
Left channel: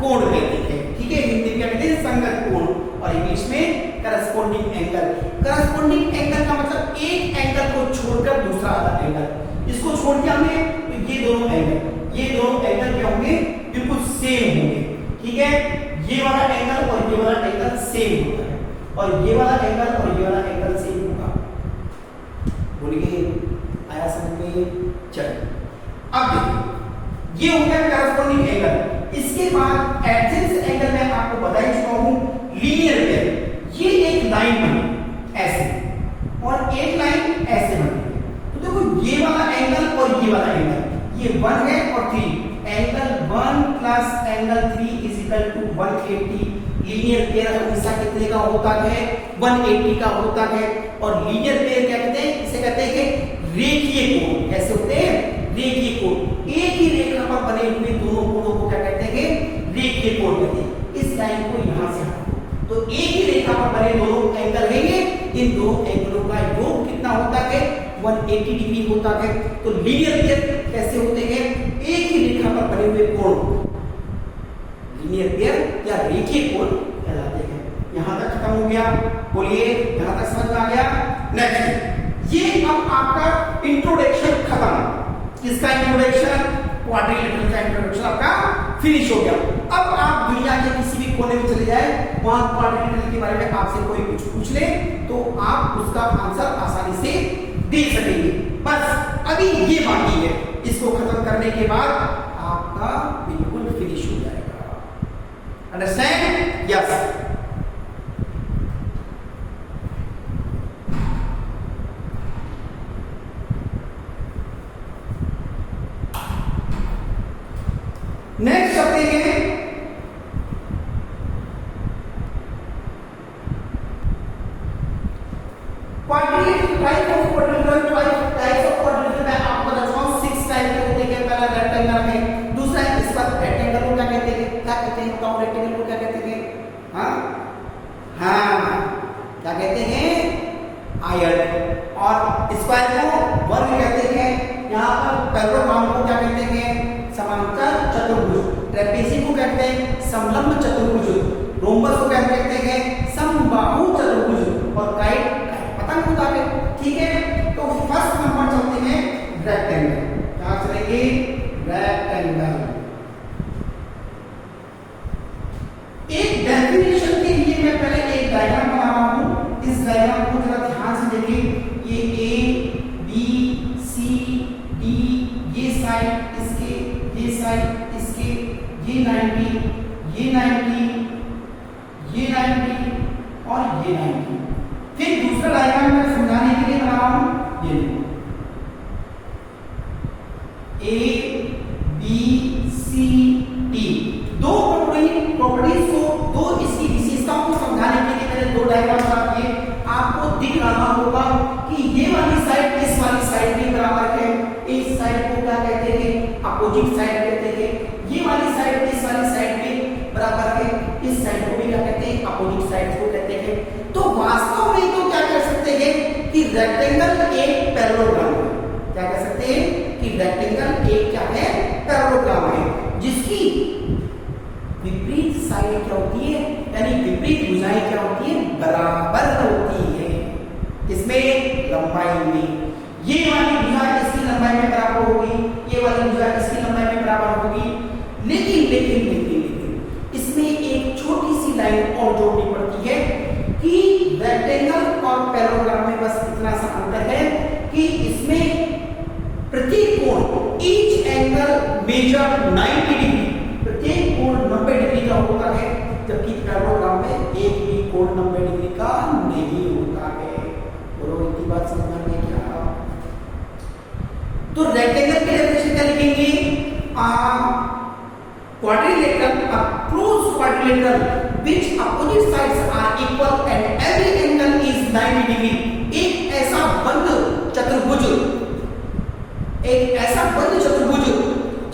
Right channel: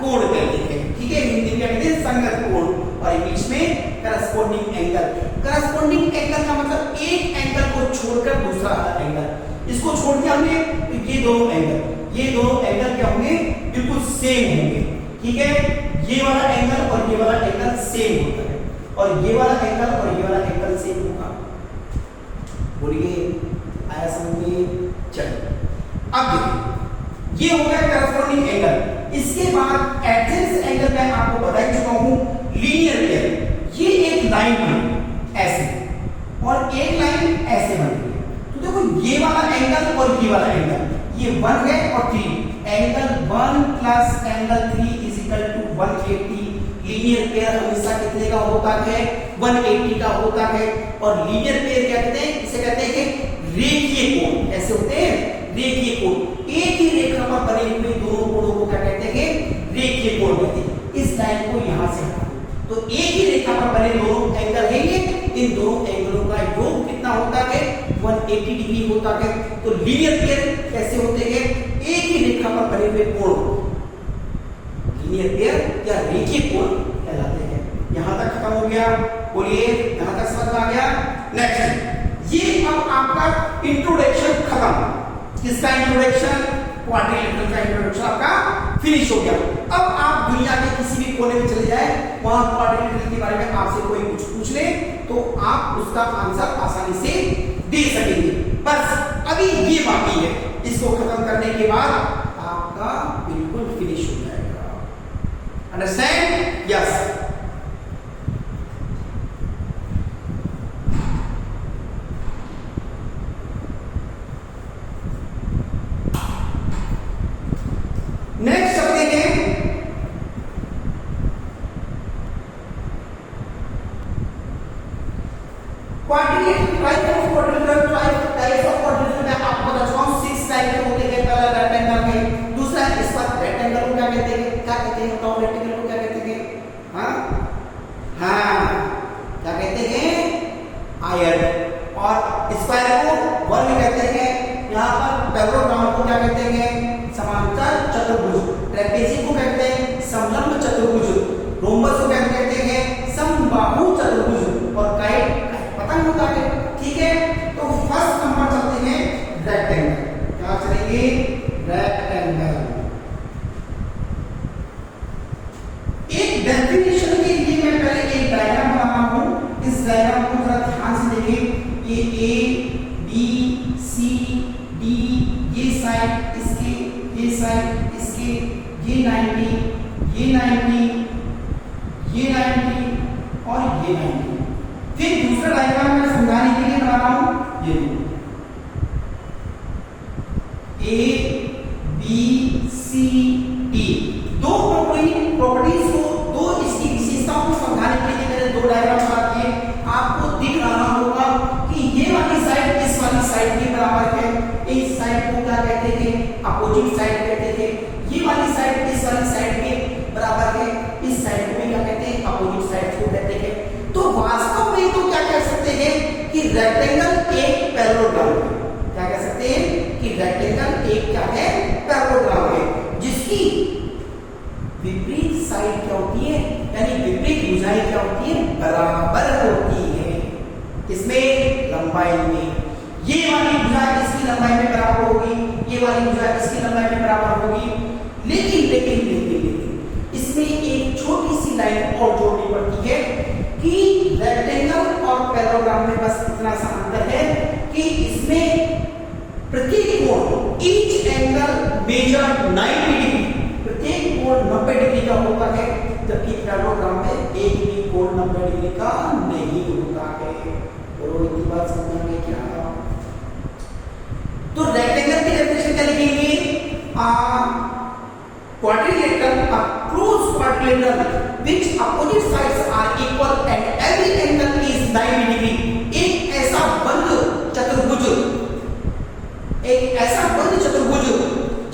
कोण कहते हैं। ठीक है, हिंदी में कहते हैं संगत कोण। और बीच में करस्पॉन्डिंग एंगल। करस्पॉन्डिंग एंगल का मतलब एक एंगल को छोड़कर दूसरा वाला एंगल। इसको छोड़ के हमने तो ये दोनों एंगल क्या होंगे? बिल्कुल सेम होंगे। ठीक है, ये वाला एंगल और ये वाला एंगल सेम होता है और ये वाला एंगल और ये वाला एंगल सेम होगा। बोलिए आया समझ में? चलिए अब देखिए ये हो गया करस्पॉन्डिंग एंगल। इसके बाद एडजेसेंट एंगल मैं आपको बता चुका हूं। लीनियर पेयर ये एक लाइन बनी ऐसे और एक लाइन ऐसे बनी। तो देखो ये वाला एंगल और ये वाला एंगल ये 1 है और 3 angle 1 plus angle 3 is equal to 180। Linear pair हमेशा कितने का होता है? 180 का होता है। और लीनियर पेयर क्या कहते हैं? इसे कहते हैं कि रेखीय कोण। ऐसे होते हैं रेखीय कोण। एक ही रेखा पर बने हुए दोनों कोणों को क्या कहते हैं? रेखीय कोण कहते हैं। इस लाइन को यहां से हटा दो तो एक ही रेखा पर बने दोनों एंगल रहेंगे। इन दोनों एंगलों का योग कितना होता है? 180 डिग्री होता है। तो लीनियर पेयर कैसे होते हैं? एक ही रेखा पर बने हुए कोण लीनियर पेयर या रेखीय कोण कहलाते हैं। यहां तक खत्म हो गया। बोलिए यहां तक समझ में आ गया? नेक्स्ट ये अब आपका इंट्रोडक्शन खत्म। किसका इंट्रोडक्शन? क्वाड्रिलेटरल का इंट्रोडक्शन आपका फिनिश हो गया। अब आप दुनिया के किसी भी कोने में चले जाए, वहां क्वाड्रिलेटरल के बारे में आपसे कोई कुछ पूछ ले तो आप उसका आंसर आसानी से दे सकेंगे। बस अभी ये बाकी है, इसको खत्म करने के बाद आपका बिल्कुल फिनिश हो जाएगा। Understand? Yes. Types of quadrilateral मैं आपको बता चुका हूं 6 टाइप के होते हैं। पहला रेक्टेंगल में, दूसरा इस पर रेक्टेंगल को क्या कहते हैं, बताओ रेक्टेंगल को क्या कहते हैं? हाँ क्या कहते हैं? आयत। और स्क्वायर को वर्ग कहते हैं। यहाँ पर पैरेललोग्राम को क्या कहते हैं? समांतर चतुर्भुज। ट्रेपेजी को कहते हैं समलंब चतुर्भुज। रोम्बस को क्या कहते हैं? समबाहु चतुर्भुज। और काइट पता नहीं होता है, ठीक है। तो फर्स्ट नंबर चलते हैं रेक्टेंगल। क्या चलेंगे? रेक्टेंगल। एक डेफिनेशन के लिए मैं पहले एक डायग्राम बना रहा हूं। इस डायग्राम को जरा ध्यान से देखिए। ये ए बी सी डी, ये साइड इसके, ये साइड इसके, ये 90, ये 90, ये 90 और ये 90। फिर दूसरा डायग्राम मैं समझाने के लिए बना रहा हूं। ये ए बी सी डी, दो प्रॉपर्टीज को, दो इसकी विशेषताओं को समझाने के लिए मैंने दो डायग्राम बना दिए। आपको दिख रहा होगा कि ये वाली साइड इस वाली साइड के बराबर है। इस साइड को क्या कहते थे? अपोजिट साइड कहते थे। ये वाली साइड इस वाली साइड के बराबर है। इस साइड को भी क्या कहते हैं? अपोजिट साइड को कहते हैं। तो वास्तव में तो क्या कह सकते हैं कि रेक्टेंगल एक पैरेललोग्राम है। क्या कह सकते हैं कि रेक्टेंगल एक क्या है? पैरेललोग्राम है, जिसकी विपरीत साइड क्या होती है, यानी विपरीत भुजाएं क्या होती है? बराबर होती है। इसमें लंबाई में ये वाली भुजा इसकी लंबाई में बराबर होगी, ये वाली भुजा इसकी लंबाई में बराबर होगी। लेकिन इसमें एक छोटी सी लाइन और जोड़नी पड़ती है कि रेक्टेंगल और पैरेललोग्राम में बस इतना सा अंतर है कि इसमें प्रत्येक कोण ईच एंगल मेजर 90 डिग्री, प्रत्येक कोण 90 डिग्री का होता है, जबकि पैरेललोग्राम में एक भी कोण 90 डिग्री का नहीं होता है। बोलो इतनी बात समझ में क्या? तो रेक्टेंगल की डेफिनेशन क्या लिखेंगे? quadrilateral, a closed quadrilateral which opposite sides are equal and every angle is 90 degree। एक ऐसा बंद चतुर्भुज,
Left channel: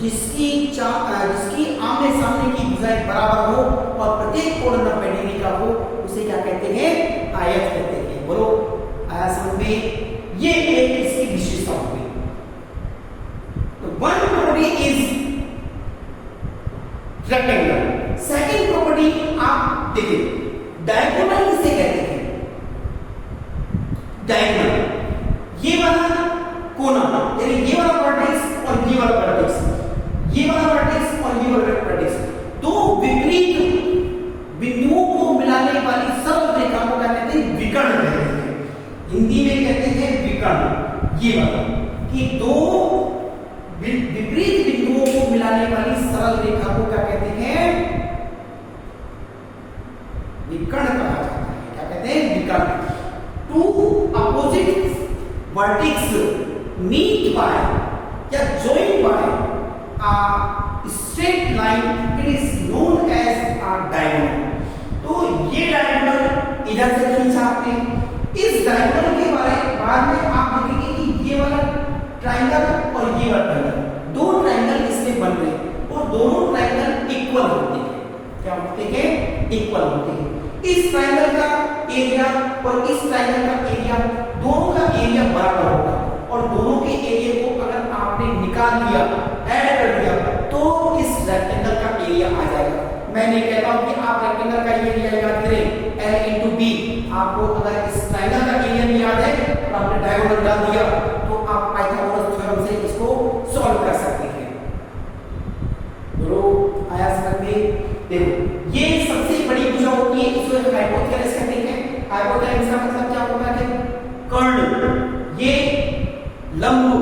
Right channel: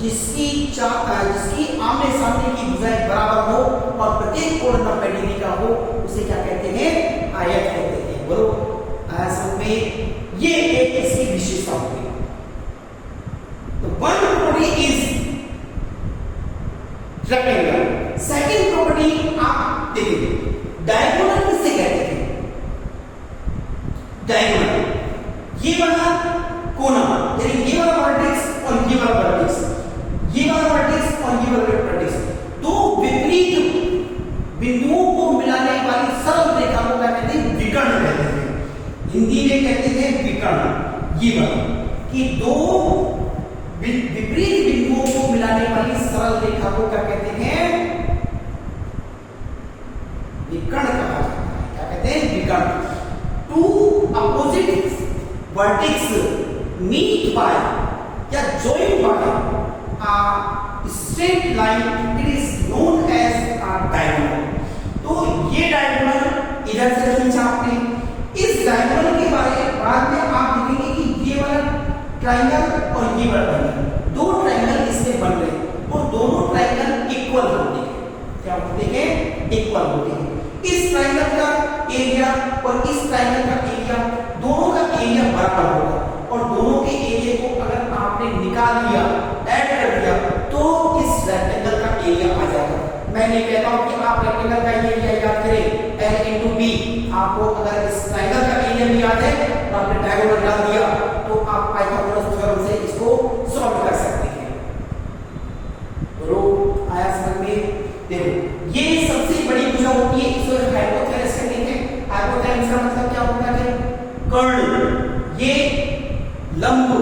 जिसकी आमने सामने की भुजाएं बराबर हो और प्रत्येक कोण 90 डिग्री का हो, उसे क्या कहते हैं? आयत कहते हैं। बोलो समझ में? ये एक इसकी विशेषता होगी। One property is rectangle. Second property आप देखिए, डायगोनल किसे कहते हैं? डायगोनल ये वाला कोना, यानी ये वाला वर्टेक्स और ये वाला वर्टेक्स, ये वाला वर्टेक्स और ये वाला वर्टेक्स, दो विपरीत बिंदुओं को मिलाने वाली सरल रेखा को क्या कहते हैं? विकर्ण कहते हैं। हिंदी में कहते हैं विकर्ण। ये वाला कि दो विपरीत बिंदुओं को मिलाने वाली सरल रेखा को क्या कहते हैं? विकर्ण कहा जाता है। क्या कहते हैं? विकर्ण। Two opposite vertex meet by या join by a straight line, it is known as a diagonal। तो ये डायगोनल इधर से खींचा आपने। इस डायगोनल के बाद में आप देखेंगे कि ये वाला ट्रायंगल और ये वाला ट्रायंगल, दो ट्रायंगल इसमें बन रहे हैं और दोनों ट्रायंगल इक्वल होते हैं। क्या होते हैं? इक्वल होते हैं। इस ट्रायंगल का एरिया और इस ट्रायंगल का एरिया, दोनों का एरिया बराबर होगा और दोनों के एरिया को अगर आपने निकाल लिया, ऐड कर दिया, तो इस रेक्टेंगल का एरिया आ जाएगा। मैं नहीं कहता हूं कि आप रेक्टेंगल का एरिया याद करें L into B। आपको अगर इस ट्रायंगल का एरिया भी याद है तो आपने डायगोनल डाल दिया तो आप पाइथागोरस थ्योरम से इसको सॉल्व कर सकते हैं। बोलो आया समझ में? देखो ये सबसे बड़ी भुजा होती है, इसको हाइपोथेलेमस कहते हैं। हाइपोथेलेमस का मतलब क्या होता है? कर्ण। ये लंब को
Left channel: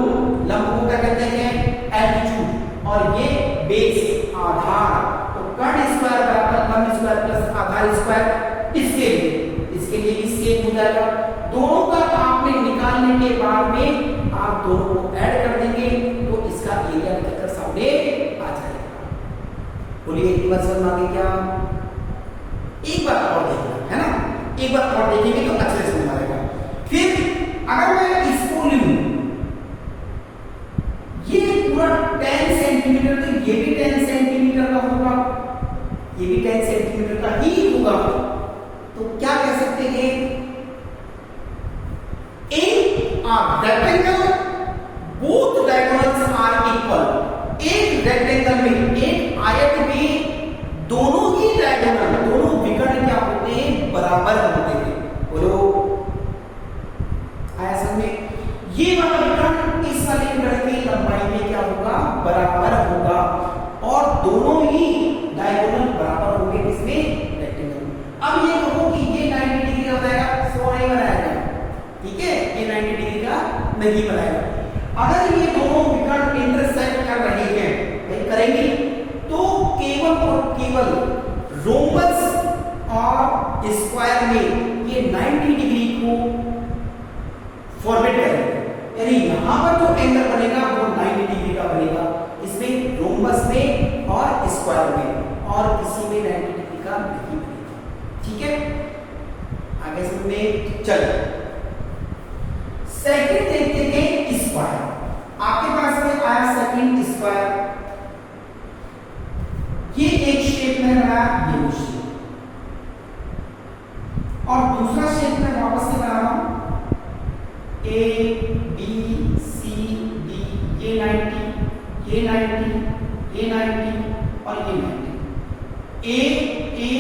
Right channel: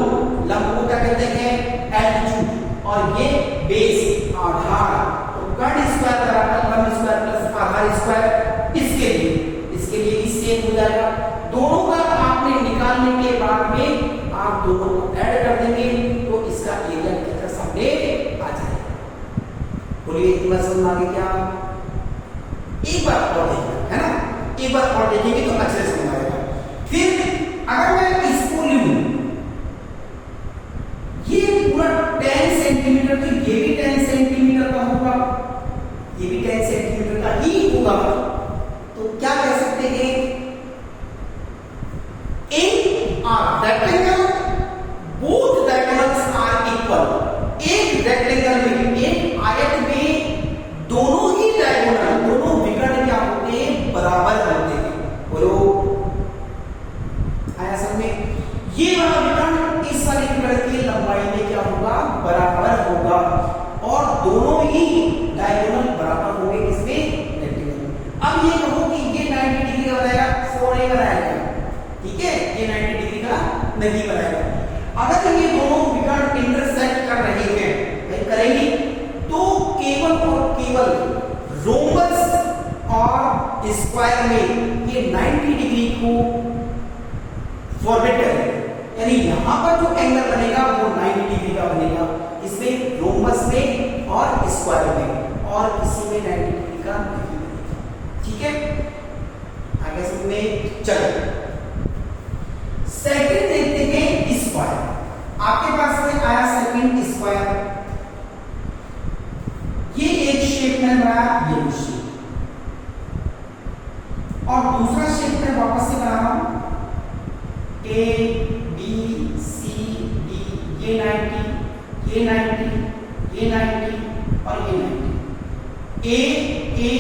क्या कहते हैं? एल्टीट्यूड। और ये बेस, आधार। तो कर्ण स्क्वायर बराबर लंब स्क्वायर प्लस आधार स्क्वायर। इसके लिए भी सेम हो जाएगा। दोनों का आपने निकालने के बाद में आप दोनों को ऐड कर देंगे तो इसका एरिया निकलकर सामने आ जाएगा। बोलिए इतना समझ आ गया क्या? एक बार और देखिए, है ना? एक बार और देखेंगे तो अच्छे से समझ आएगा। फिर अगर मैं इसको लूं, ये पूरा 10 सेंटीमीटर, तो ये भी 10 सेंटीमीटर का होगा, ये भी 10 सेंटीमीटर का ही होगा। तो क्या कह सकते हैं, in rectangle both diagonals are equal. एक रेक्टेंगल में, एक आयत में दोनों ही डायगोनल, दोनों विकर्ण क्या होते हैं, बराबर होते हैं। बोलो आया समझ में? ये वाला विकर्ण इस वाले विकर्ण की लंबाई में क्या होगा, बराबर होगा, और दोनों ही डायगोनल बराबर होंगे किसमें, रेक्टेंगल में। अब ये कहो कि ये 90 डिग्री का बनाएगा, 100 नहीं बनाएगा, ठीक है, ये 90 डिग्री का नहीं बनाएगा। अगर ये दोनों विकर्ण इंटरसेक्ट कर रहे हैं, नहीं करेंगे, तो केवल और केवल रोम्बस और स्क्वायर में ये 90 डिग्री को फॉरवर्ड करेंगे, यानी यहां पर जो एंगल बनेगा वो 90 डिग्री का बनेगा, इसमें रोम्बस में और स्क्वायर में, और किसी में 90 डिग्री का नहीं बनेगा। ठीक है, आगे समझ में? चलो सेकंड देखते हैं, स्क्वायर। आपके पास में आया सेकंड स्क्वायर, ये एक शेप में बनाया, ये शेप, और दूसरा शेप में वापस से बना रहा हूं, ए बी सी डी, ये 90, ये 90, ये 90 और ये 90, ए ए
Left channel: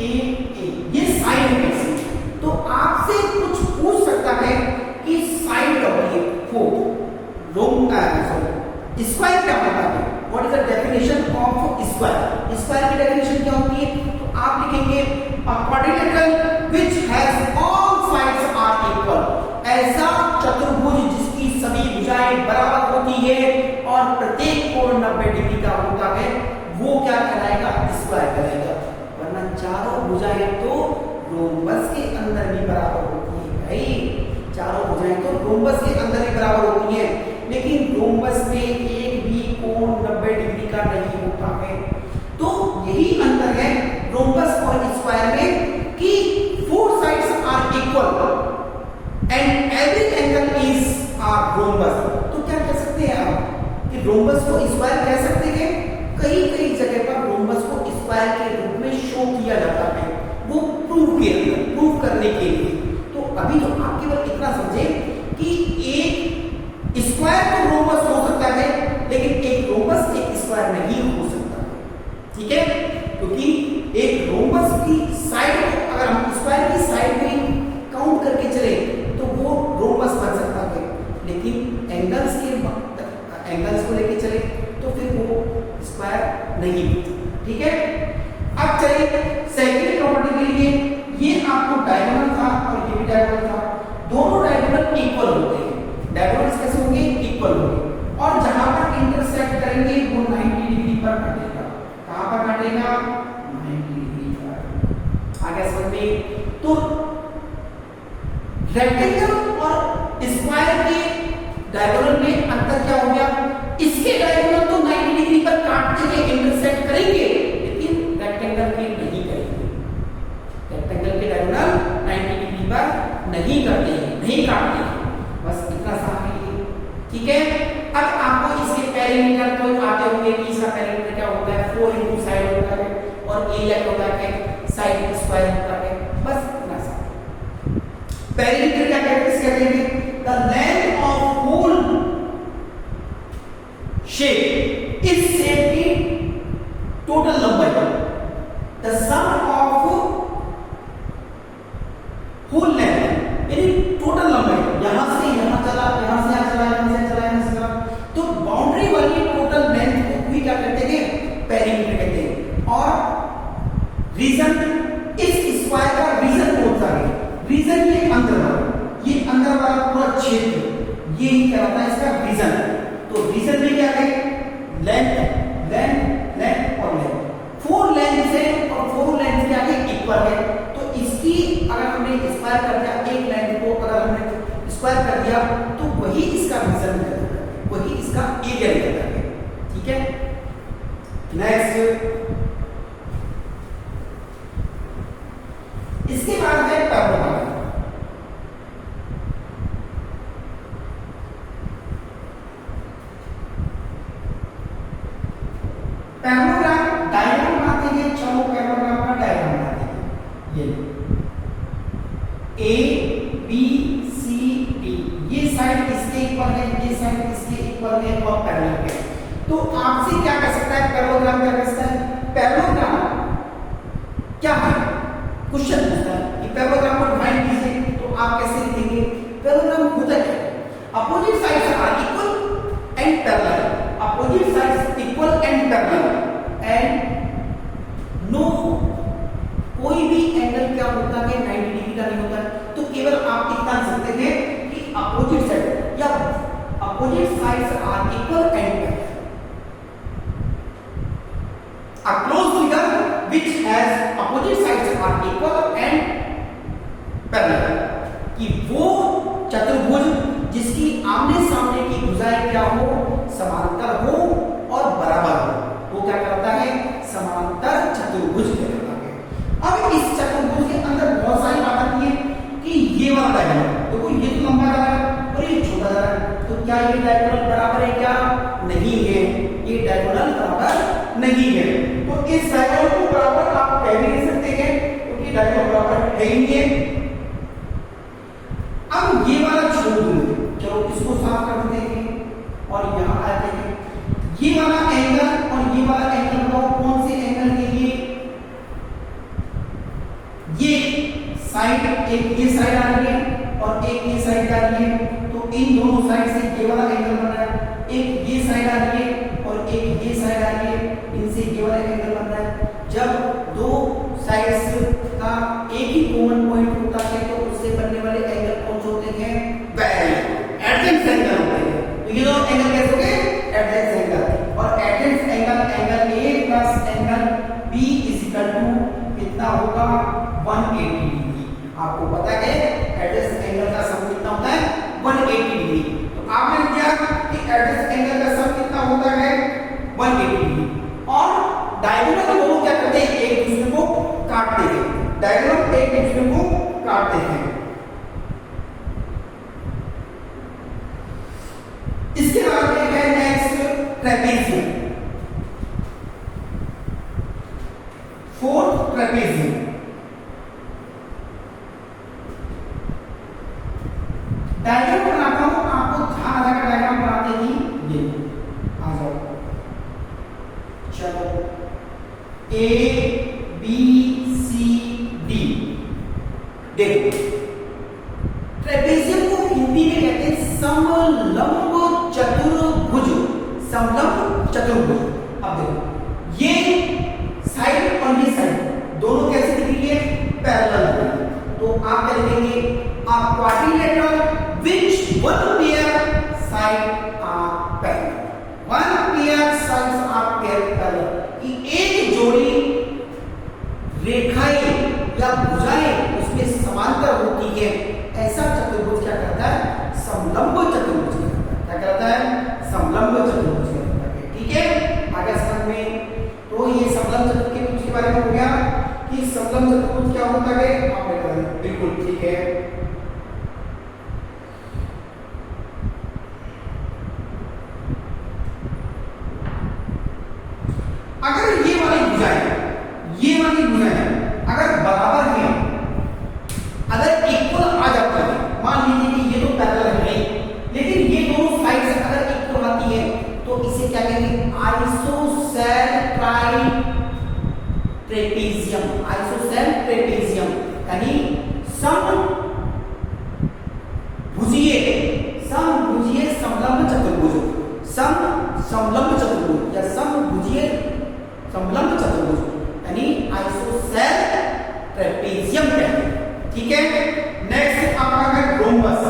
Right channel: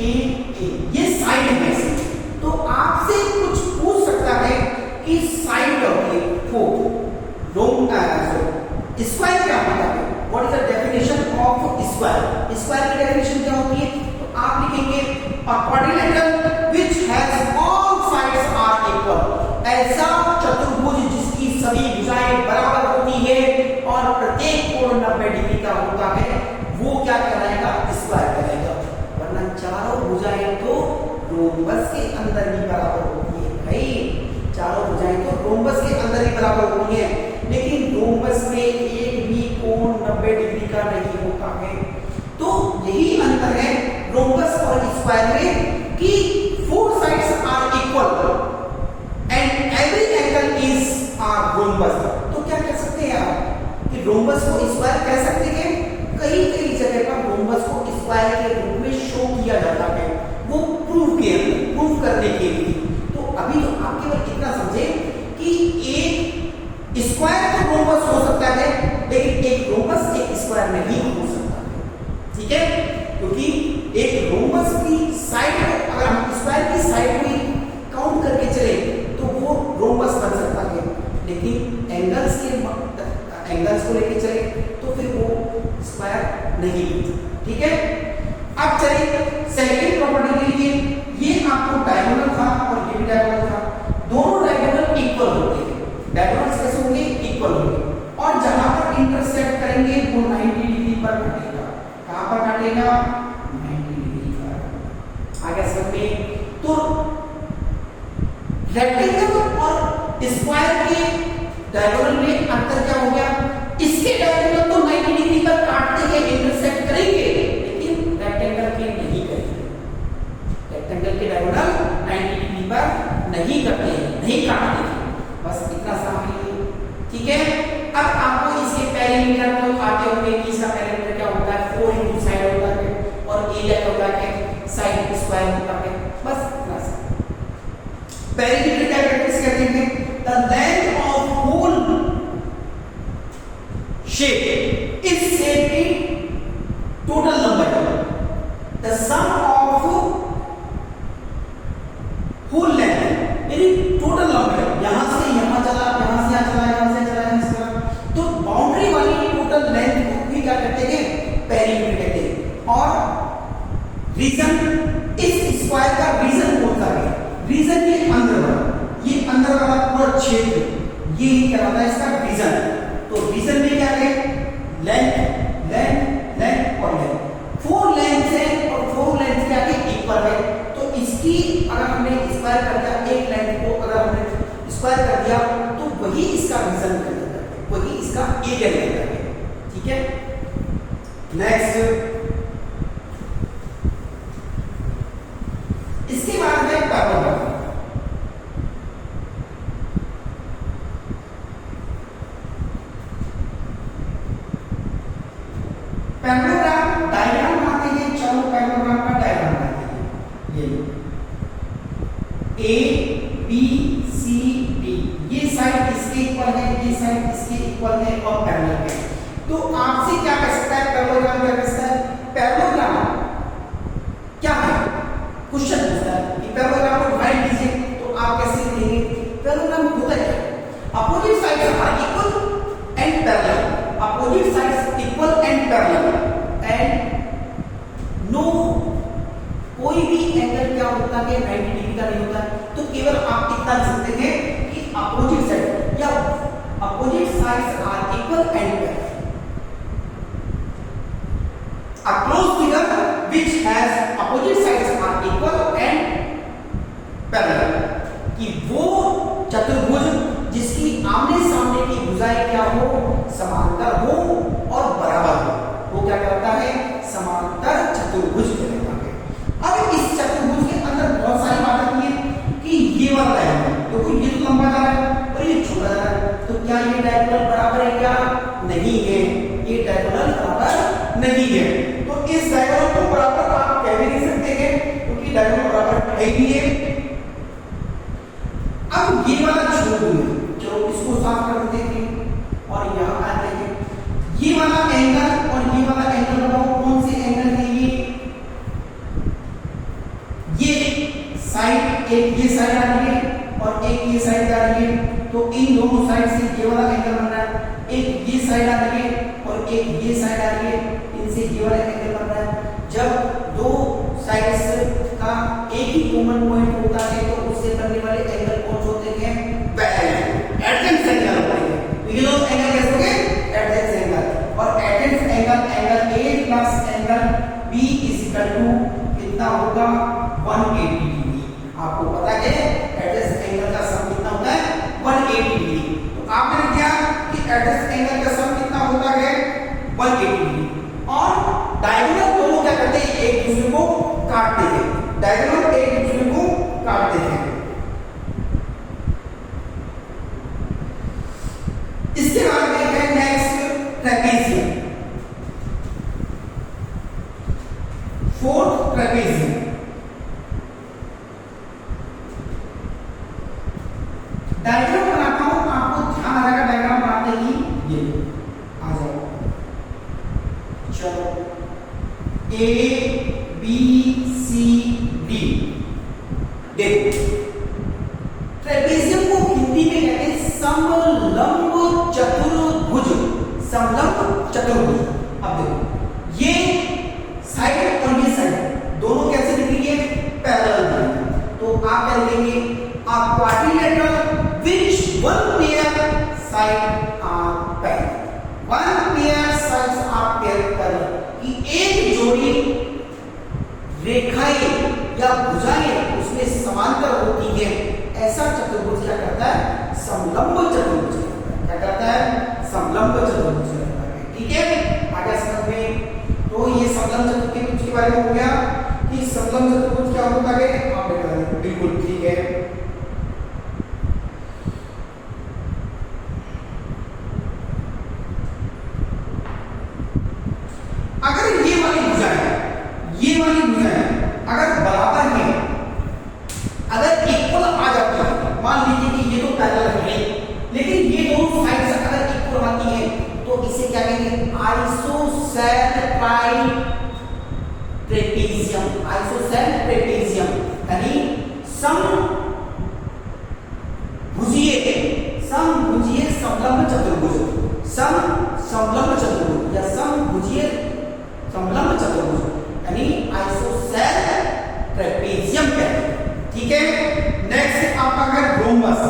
ए ए, ये साइड में से। तो आपसे कुछ पूछ सकता है कि साइड होती है, स्क्वायर क्या होता है, what is the definition of square? Square की डेफिनेशन क्या होती है? तो आप लिखेंगे a quadrilateral which has all sides are equal. ऐसा चतुर्भुज जिसकी सभी भुजाएं बराबर होती है और प्रत्येक कोण 90 डिग्री का होता है, वो क्या कहलाएगा, स्क्वायर कहलाएगा। वरना चारों भुजाएं तो रोम्बस के अंदर भी बराबर होती है भाई, चारों भुजाएं तो रोम्बस के अंदर ही बराबर होती है, लेकिन रोम्बस में एक भी कोण 90 डिग्री का नहीं होता है। तो यही अंतर है रोम्बस और स्क्वायर में कि 4 sides are equal and every angle is are rhombus. तो क्या कह सकते हैं आप कि रोम्बस को स्क्वायर कह सकते हैं? कई कई जगह पर रोम्बस को स्क्वायर के रूप में शो किया जाता है, वो प्रूफ करने के लिए। तो अभी तो आप केवल इतना समझे कि एक स्क्वायर तो रोम्बस हो सकता है, लेकिन एक रोम्बस एक स्क्वायर नहीं हो सकता है। ठीक है, क्योंकि एक रोम्बस की साइड को अगर हम स्क्वायर की साइड को ही काउंट करके चले तो वो रोम्बस बन सकता है, लेकिन एंगल्स को लेके चले तो फिर वो स्क्वायर नहीं बनता। ठीक है, अब चलिए सेकंड प्रॉपर्टी के लिए, ये आपको डायगोनल था और ये भी डायगोनल था, दोनों डायगोनल इक्वल होते हैं। डायगोनल्स कैसे होंगे? इक्वल होंगे, और जहां पर इंटरसेक्ट करेंगे वो 90 डिग्री पर काटेगा। कहां पर काटेगा? 90 डिग्री पर। आगे समझ में? तो रेक्टेंगल और स्क्वायर के डायगोनल में अंतर क्या हो गया? इसके डायगोनल तो 90 डिग्री पर काटते हैं, इंटरसेक्ट करेंगे, लेकिन रेक्टेंगल के नहीं करेंगे। रेक्टेंगल के डायगोनल 90 डिग्री पर नहीं करते हैं, नहीं काटते हैं। बस इतना समझ लीजिए। ठीक है, अब आपको इसके पेरीमीटर तो आते होंगे कि इसका पेरीमीटर क्या होता है, 4 इंटू साइड होता है, और एरिया क्या होता है, साइड स्क्वायर होता है। बस इतना सा। पेरीमीटर क्या कहते हैं? The length of whole shape is shape की टोटल लंबाई, the sum of whole length यानी टोटल लंबाई, यहां से यहां चला, यहां से यहां चला, यहां से चला, यहां से चला, तो बाउंड्री वाली टोटल लेंथ को भी क्या कहते हैं? पेरीमीटर कहते हैं। और रीजन, इस स्क्वायर का रीजन कौन सा है? रीजन ये अंदर वाला, ये अंदर वाला पूरा क्षेत्र, ये ही कहलाता है इसका रीजन। तो रीजन में क्या है? लेंथ, लेंथ, लेंथ और लेंथ। 4 लेंथ है और 4 लेंथ क्या है? इक्वल है। तो इसकी अगर हमने स्क्वायर कर दिया, एक लाइन को अगर हमने स्क्वायर कर दिया तो वही इसका रीजन निकल जाता है, वही इसका एरिया निकल जाता है। ठीक है, नेक्स्ट इसके बाद है पैराबोला। आपसे क्या कर सकता है पैरेललोग्राम, क्या कर सकता है पैरेललोग्राम क्या है, क्वेश्चन पूछता है कि पैरेललोग्राम को डिफाइन कीजिए, तो आप कैसे लिखेंगे? पैरेललोग्राम होता है opposite sides are equal and parallel, opposite sides equal and parallel and no कोई भी एंगल क्या होता है 90 डिग्री का नहीं होता है। तो केवल आप इतना लिख सकते थे कि अपोजिट साइड या opposite sides are equal and parallel, a closed figure which has opposite sides are equal and parallel, कि वो चतुर्भुज जिसकी आमने सामने की भुजाएं क्या हो, समांतर हो और बराबर हो, वो क्या करता है समांतर चतुर्भुज कहलाता है। अब इस चतुर्भुज के अंदर बहुत सारी बात आती है कि ये वाला है तो ये तो लंबा जा रहा है और ये छोटा जा रहा है, तो क्या ये डायगोनल बराबर है? क्या नहीं है, ये डायगोनल बराबर नहीं है। तो इस डायगोनल को बराबर आप कह भी नहीं सकते हैं क्योंकि डायगोनल बराबर है ही नहीं है। अब ये वाला छोड़ दूंगे, चलो इसको साफ कर देते हैं और यहां आते हैं। ये वाला एंगल और ये वाला एंगल कौन से एंगल है? ये साइड, एक ये साइड आ रही है और एक ये साइड आ रही है, तो इन दोनों साइड से ये वाला एंगल बन रहा है। एक ये साइड आ रही है और एक ये साइड आ रही है, इनसे ये वाला एंगल बन रहा है। जब दो साइड्स का एक ही कॉमन पॉइंट होता है तो उससे बनने वाले एंगल कौन से होते हैं? पैरेलल एडजेंट एंगल होते हैं। तो ये दोनों एंगल कैसे होंगे? एडजेंट एंगल, और adjacent angle A plus angle B is equal to कितना होगा? 180 डिग्री। आपको पता है एडजेंट एंगल का सम कितना होता है? 180 डिग्री। तो आपने लिख दिया कि एडजेंट एंगल का सम कितना होता है? 180 डिग्री। और डायगोनल दोनों क्या करते हैं? एक दूसरे को काटते हैं, डायगोनल एक दूसरे को काटते हैं। इसके बाद में है next trapezium, fourth trapezium. Diagram बनाता हूं, आपको ध्यान रहेगा डायग्राम बनाते ही। ये आ जाओ, चलो ए बी सी डी। देखो ट्रेपेजियम को हिंदी में कहते हैं समलंब चतुर्भुज, समलंब चतुर्भुज। अब देखो ये साइड और ये साइड दोनों कैसे दिख रही है? पैरेलल। तो आप क्या लिखेंगे? a quadrilateral which one pair side are parallel, one pair sides are parallel, कि एक जोड़ी रेखाएं या भुजाएं उसमें समांतर होती है, ऐसा चतुर्भुज क्या करता है? समलंब चतुर्भुज कहता है। क्या करता है? समलंब चतुर्भुज कहता है। ठीक है, आगे समझ में। तो ये समलंब चतुर्भुज के बारे में हो गया कि समलंब चतुर्भुज क्या होता है। आप बिल्कुल ठीक है। अगर ये वाली भुजाएं अगर बराबर है, अगर इक्वल आ जाती है, मान लीजिए कि ये तो पैरेलल है नहीं, लेकिन ये दोनों साइड्स अगर इक्वल आती है तो इसे क्या कहेंगे? आइसोसेल ट्राइट्रेपेजियम, आइसोसेल ट्राइट्रेपेजियम यानी समभुजीय समलंब चतुर्भुज, समलंब चतुर्भुज या समभुजीय समलंब चतुर्भुज यानी आइसोसेल ट्राइट्रेपेजियम कहते हैं। ठीक है, नेक्स्ट आपका है रोम्बस।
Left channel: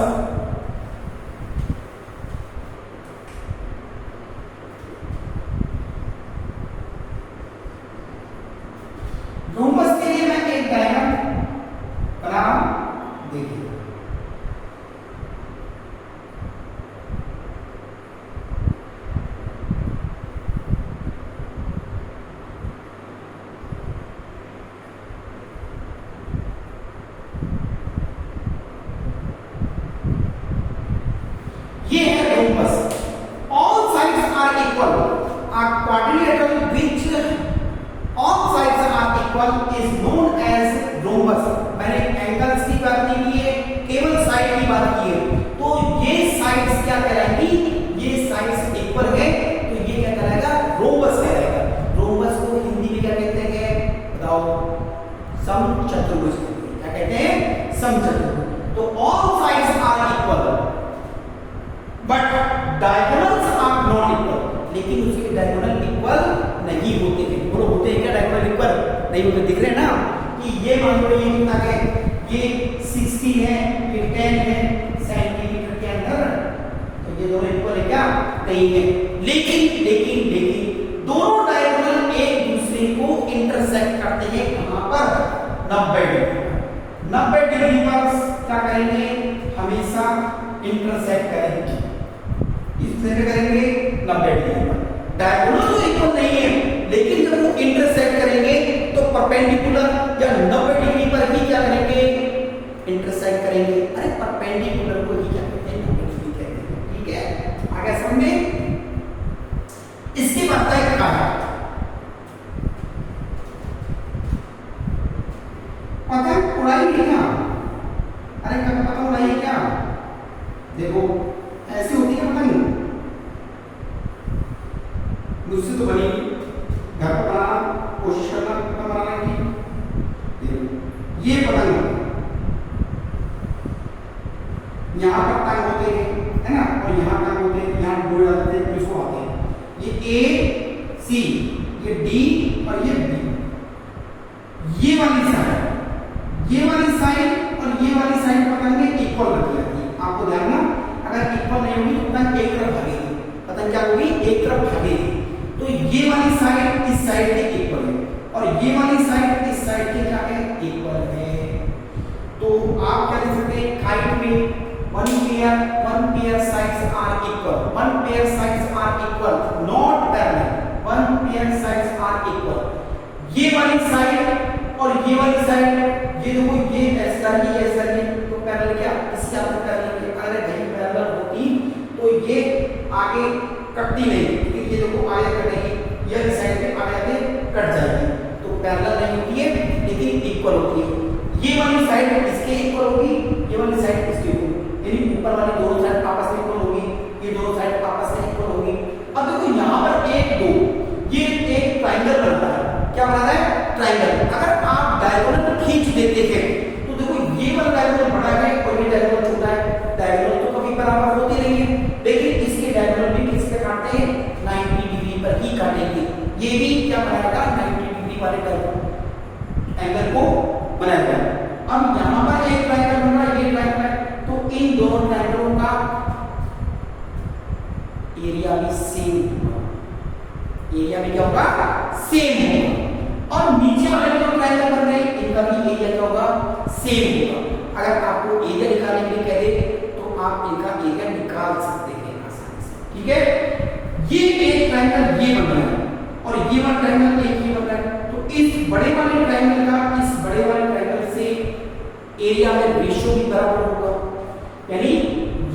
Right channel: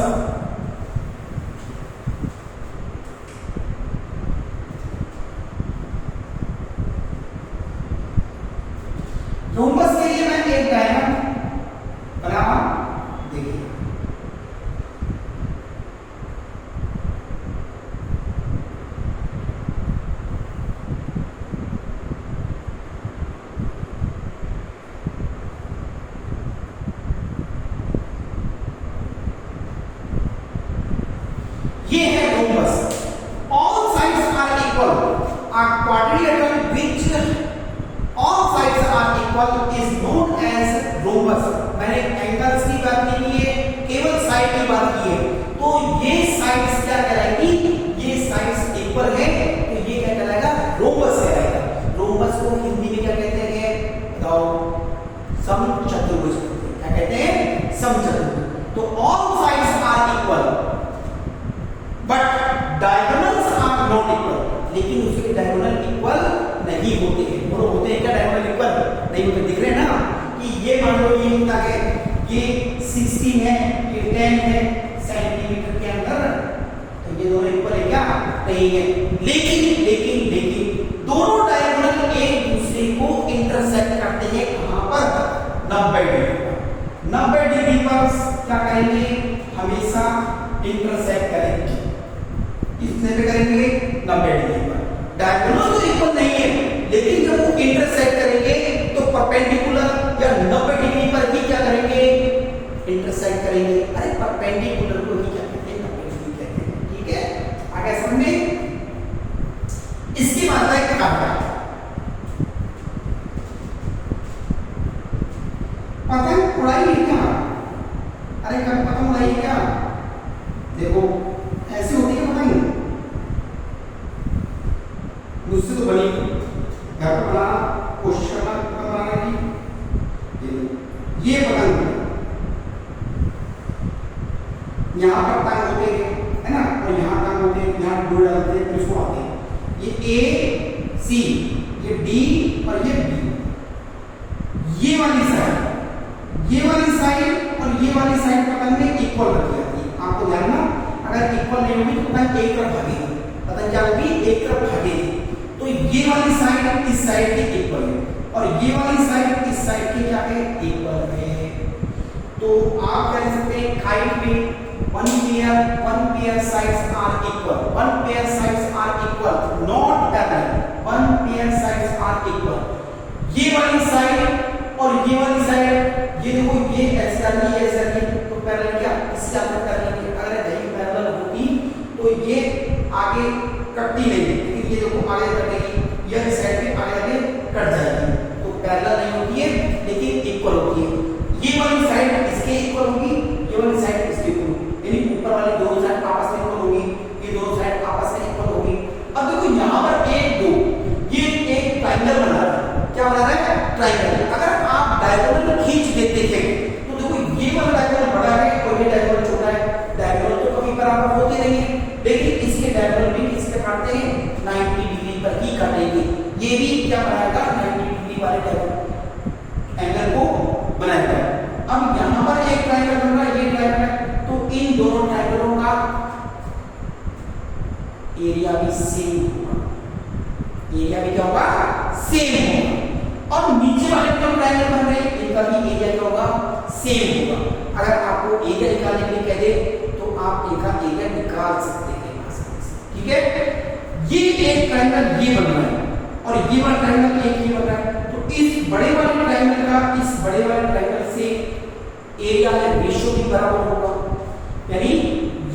रोम्बस के लिए मैं एक डायग्राम बना, देखिए डायगोनल्स आर नॉट इक्वल, लेकिन उसके डायगोनल इक्वल नहीं होते हैं। बोलो होते हैं क्या डायगोनल इक्वल? नहीं होते। दिख रहे हैं ना कि ये मान लो ये कितना है, ये 16 है, ये 10 है सेंटीमीटर के अंदर, तो ये दोनों इक्वल है क्या? नहीं है। लेकिन लेकिन लेकिन दोनों डायगोनल एक दूसरे को इंटरसेक्ट करते हैं कहां पर? 90 डिग्री पर। 90 डिग्री पर क्या करेंगे? हमेशा इंटरसेक्ट करेंगे। किससे करेंगे? 90 डिग्री पर। डायगोनल तो इक्वल नहीं है, लेकिन जब वो इंटरसेक्ट करेंगे तो परपेंडिकुलर या 90 डिग्री पर भी क्या करेंगे? इंटरसेक्ट करेंगे। अरे परपेंडिकुलर को ही क्या कहते हैं? 90 डिग्री कहते हैं। ठीक है, आगे समझ में? इसकी बात है क्या है? पतंग उड़ाई है क्या? अरे कब पतंग उड़ाई है क्या? देखो ऐसी होती है पतंग, मुझसे तो बनी घर पर बनाना कोशिश करना बनाने की। ये पतंग यहाँ पर टांग होते है ना, और यहाँ टांग होते हैं, यहाँ डोर डालते हैं, इसको आते हैं। ये ए सी, ये डी और ये बी। ये वाली साइड और ये वाली साइड पतंग में इक्वल रखी जाती है। आपको ध्यान ना, अगर इक्वल नहीं होगी तो पतंग एक तरफ भागेगी। पतंग क्या होगी? एक तरफ भागेगी। तो ये वाली साइड इस साइड के इक्वल है और ये वाली साइड इस साइड के क्या है? इक्वल है। तो आप कह सकते हैं काइट में one pair sides are equal, one pair sides are equal, not parallel, one pair sides are equal। ये वाली साइड और ये वाली साइड, ये देखो ये ऐसा ही तो पैरेलल क्या? इससे आपको पैरेलल की अगर कहीं पैरेलल होती तो ये आगे कटती नहीं, लेकिन ये देखो आगे कटेगी, ये साइड पे आगे कट जाएगी, तो पैरेलल नहीं होती है लेकिन इक्वल होती है। ये वाली साइड इसके इक्वल होगी, ये वाली साइड इसके इक्वल, यानी ऊपर वाली दोनों साइड आपस में इक्वल होगी, ये दोनों साइड आपस में इक्वल होगी। अब देखो यहाँ पर एक दो, ये एक ट्रायंगल बना रहा है। क्या बना रहा है? ट्रायंगल। अगर आप डायगोनल को खींच देते थे तो देखो ये वाला डायगोनल बड़ा है और ये डायगोनल छोटा है। डायगोनल तो कभी बराबर होते नहीं है, लेकिन इसके डायगोनल भी किस पे काटते हैं? 90 डिग्री पर ही काटेंगे। ये भी क्या बनाएगा? 90 डिग्री वाले एंगल को बनाएगा। अब यहाँ पर एक ट्रायंगल बन रहा है, ये ट्रायंगल है, तो इन दोनों ट्रायंगलों का एरिया भी सेम होगा। एरिया भी क्या होगा? सेम होगा। और नीचे वाले जो ट्रायंगल बन रहे हैं इनका भी एरिया क्या होगा? सेम होगा। अगर आपको एरिया निकालने के लिए कह दे तो आप इनका एरिया निकाल सकते हैं आसानी से। ठीक है, ये एक ट्रायंगल ये बन रहा है और ये वाला ट्रायंगल एक ये बन रहा है, तो इस बड़े वाले ट्रायंगल का इस बड़े वाले ट्रायंगल से एरिया में रेशियो भी बराबर होगा। यानी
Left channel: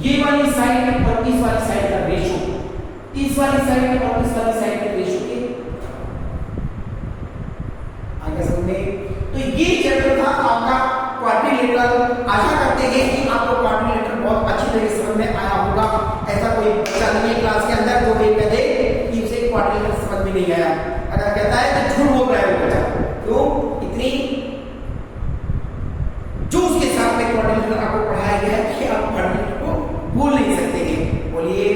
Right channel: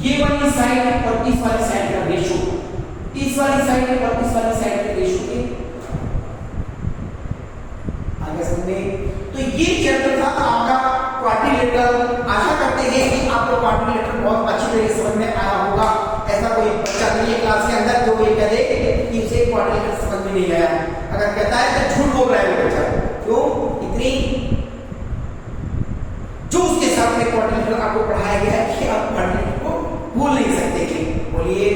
ये वाली साइड और इस वाली साइड का रेशियो, इस वाली साइड और इस वाली साइड के रेशियो के आगे समझे। तो ये चैप्टर था आपका क्वाड्रिलेटरल। आशा करते हैं कि आपको क्वाड्रिलेटरल बहुत अच्छी तरह से समझ में आया होगा। ऐसा कोई बच्चा नहीं है क्लास के अंदर जो कोई कहे कि उसे क्वाड्रिलेटरल समझ में नहीं आया। अगर कहता है तो झूठ बोल रहा है वो बच्चा, तो इतनी जो उसके साथ में क्वाड्रिलेटरल आपको पढ़ाया गया है कि आप क्वाड्रिलेटरल को भूल नहीं सकते हैं। बोलिए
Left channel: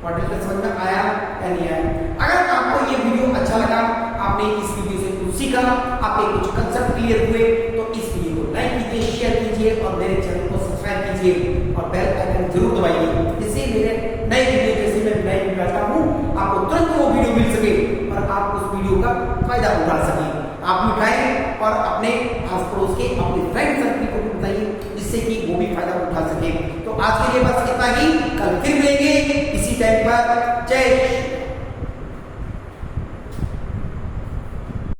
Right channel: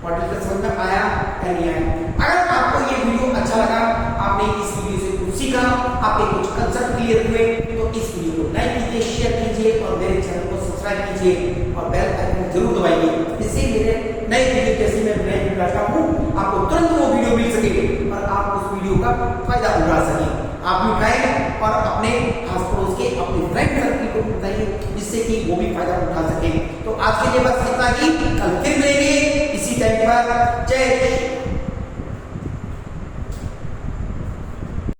क्वाड्रिलेटरल समझ में आया या नहीं आया? अगर आपको ये वीडियो अच्छा लगा, आपने इस वीडियो से कुछ सीखा, आपके कुछ कंसेप्ट क्लियर हुए, तो इस वीडियो को लाइक कीजिए, शेयर कीजिए और मेरे चैनल को सब्सक्राइब कीजिए और बेल आइकन जरूर दबाइए, जिससे मेरे नए वीडियो जैसे मैं नए वीडियो लाता हूँ आपको तुरंत वो वीडियो मिल सके और आप उस वीडियो का फायदा उठा सकें। आप भी उठाएं और अपने आस पड़ोस के अपने फ्रेंड सर्कल को बताइए, जिससे कि वो भी फायदा उठा सके। तो आज के लिए बस इतना ही, कल फिर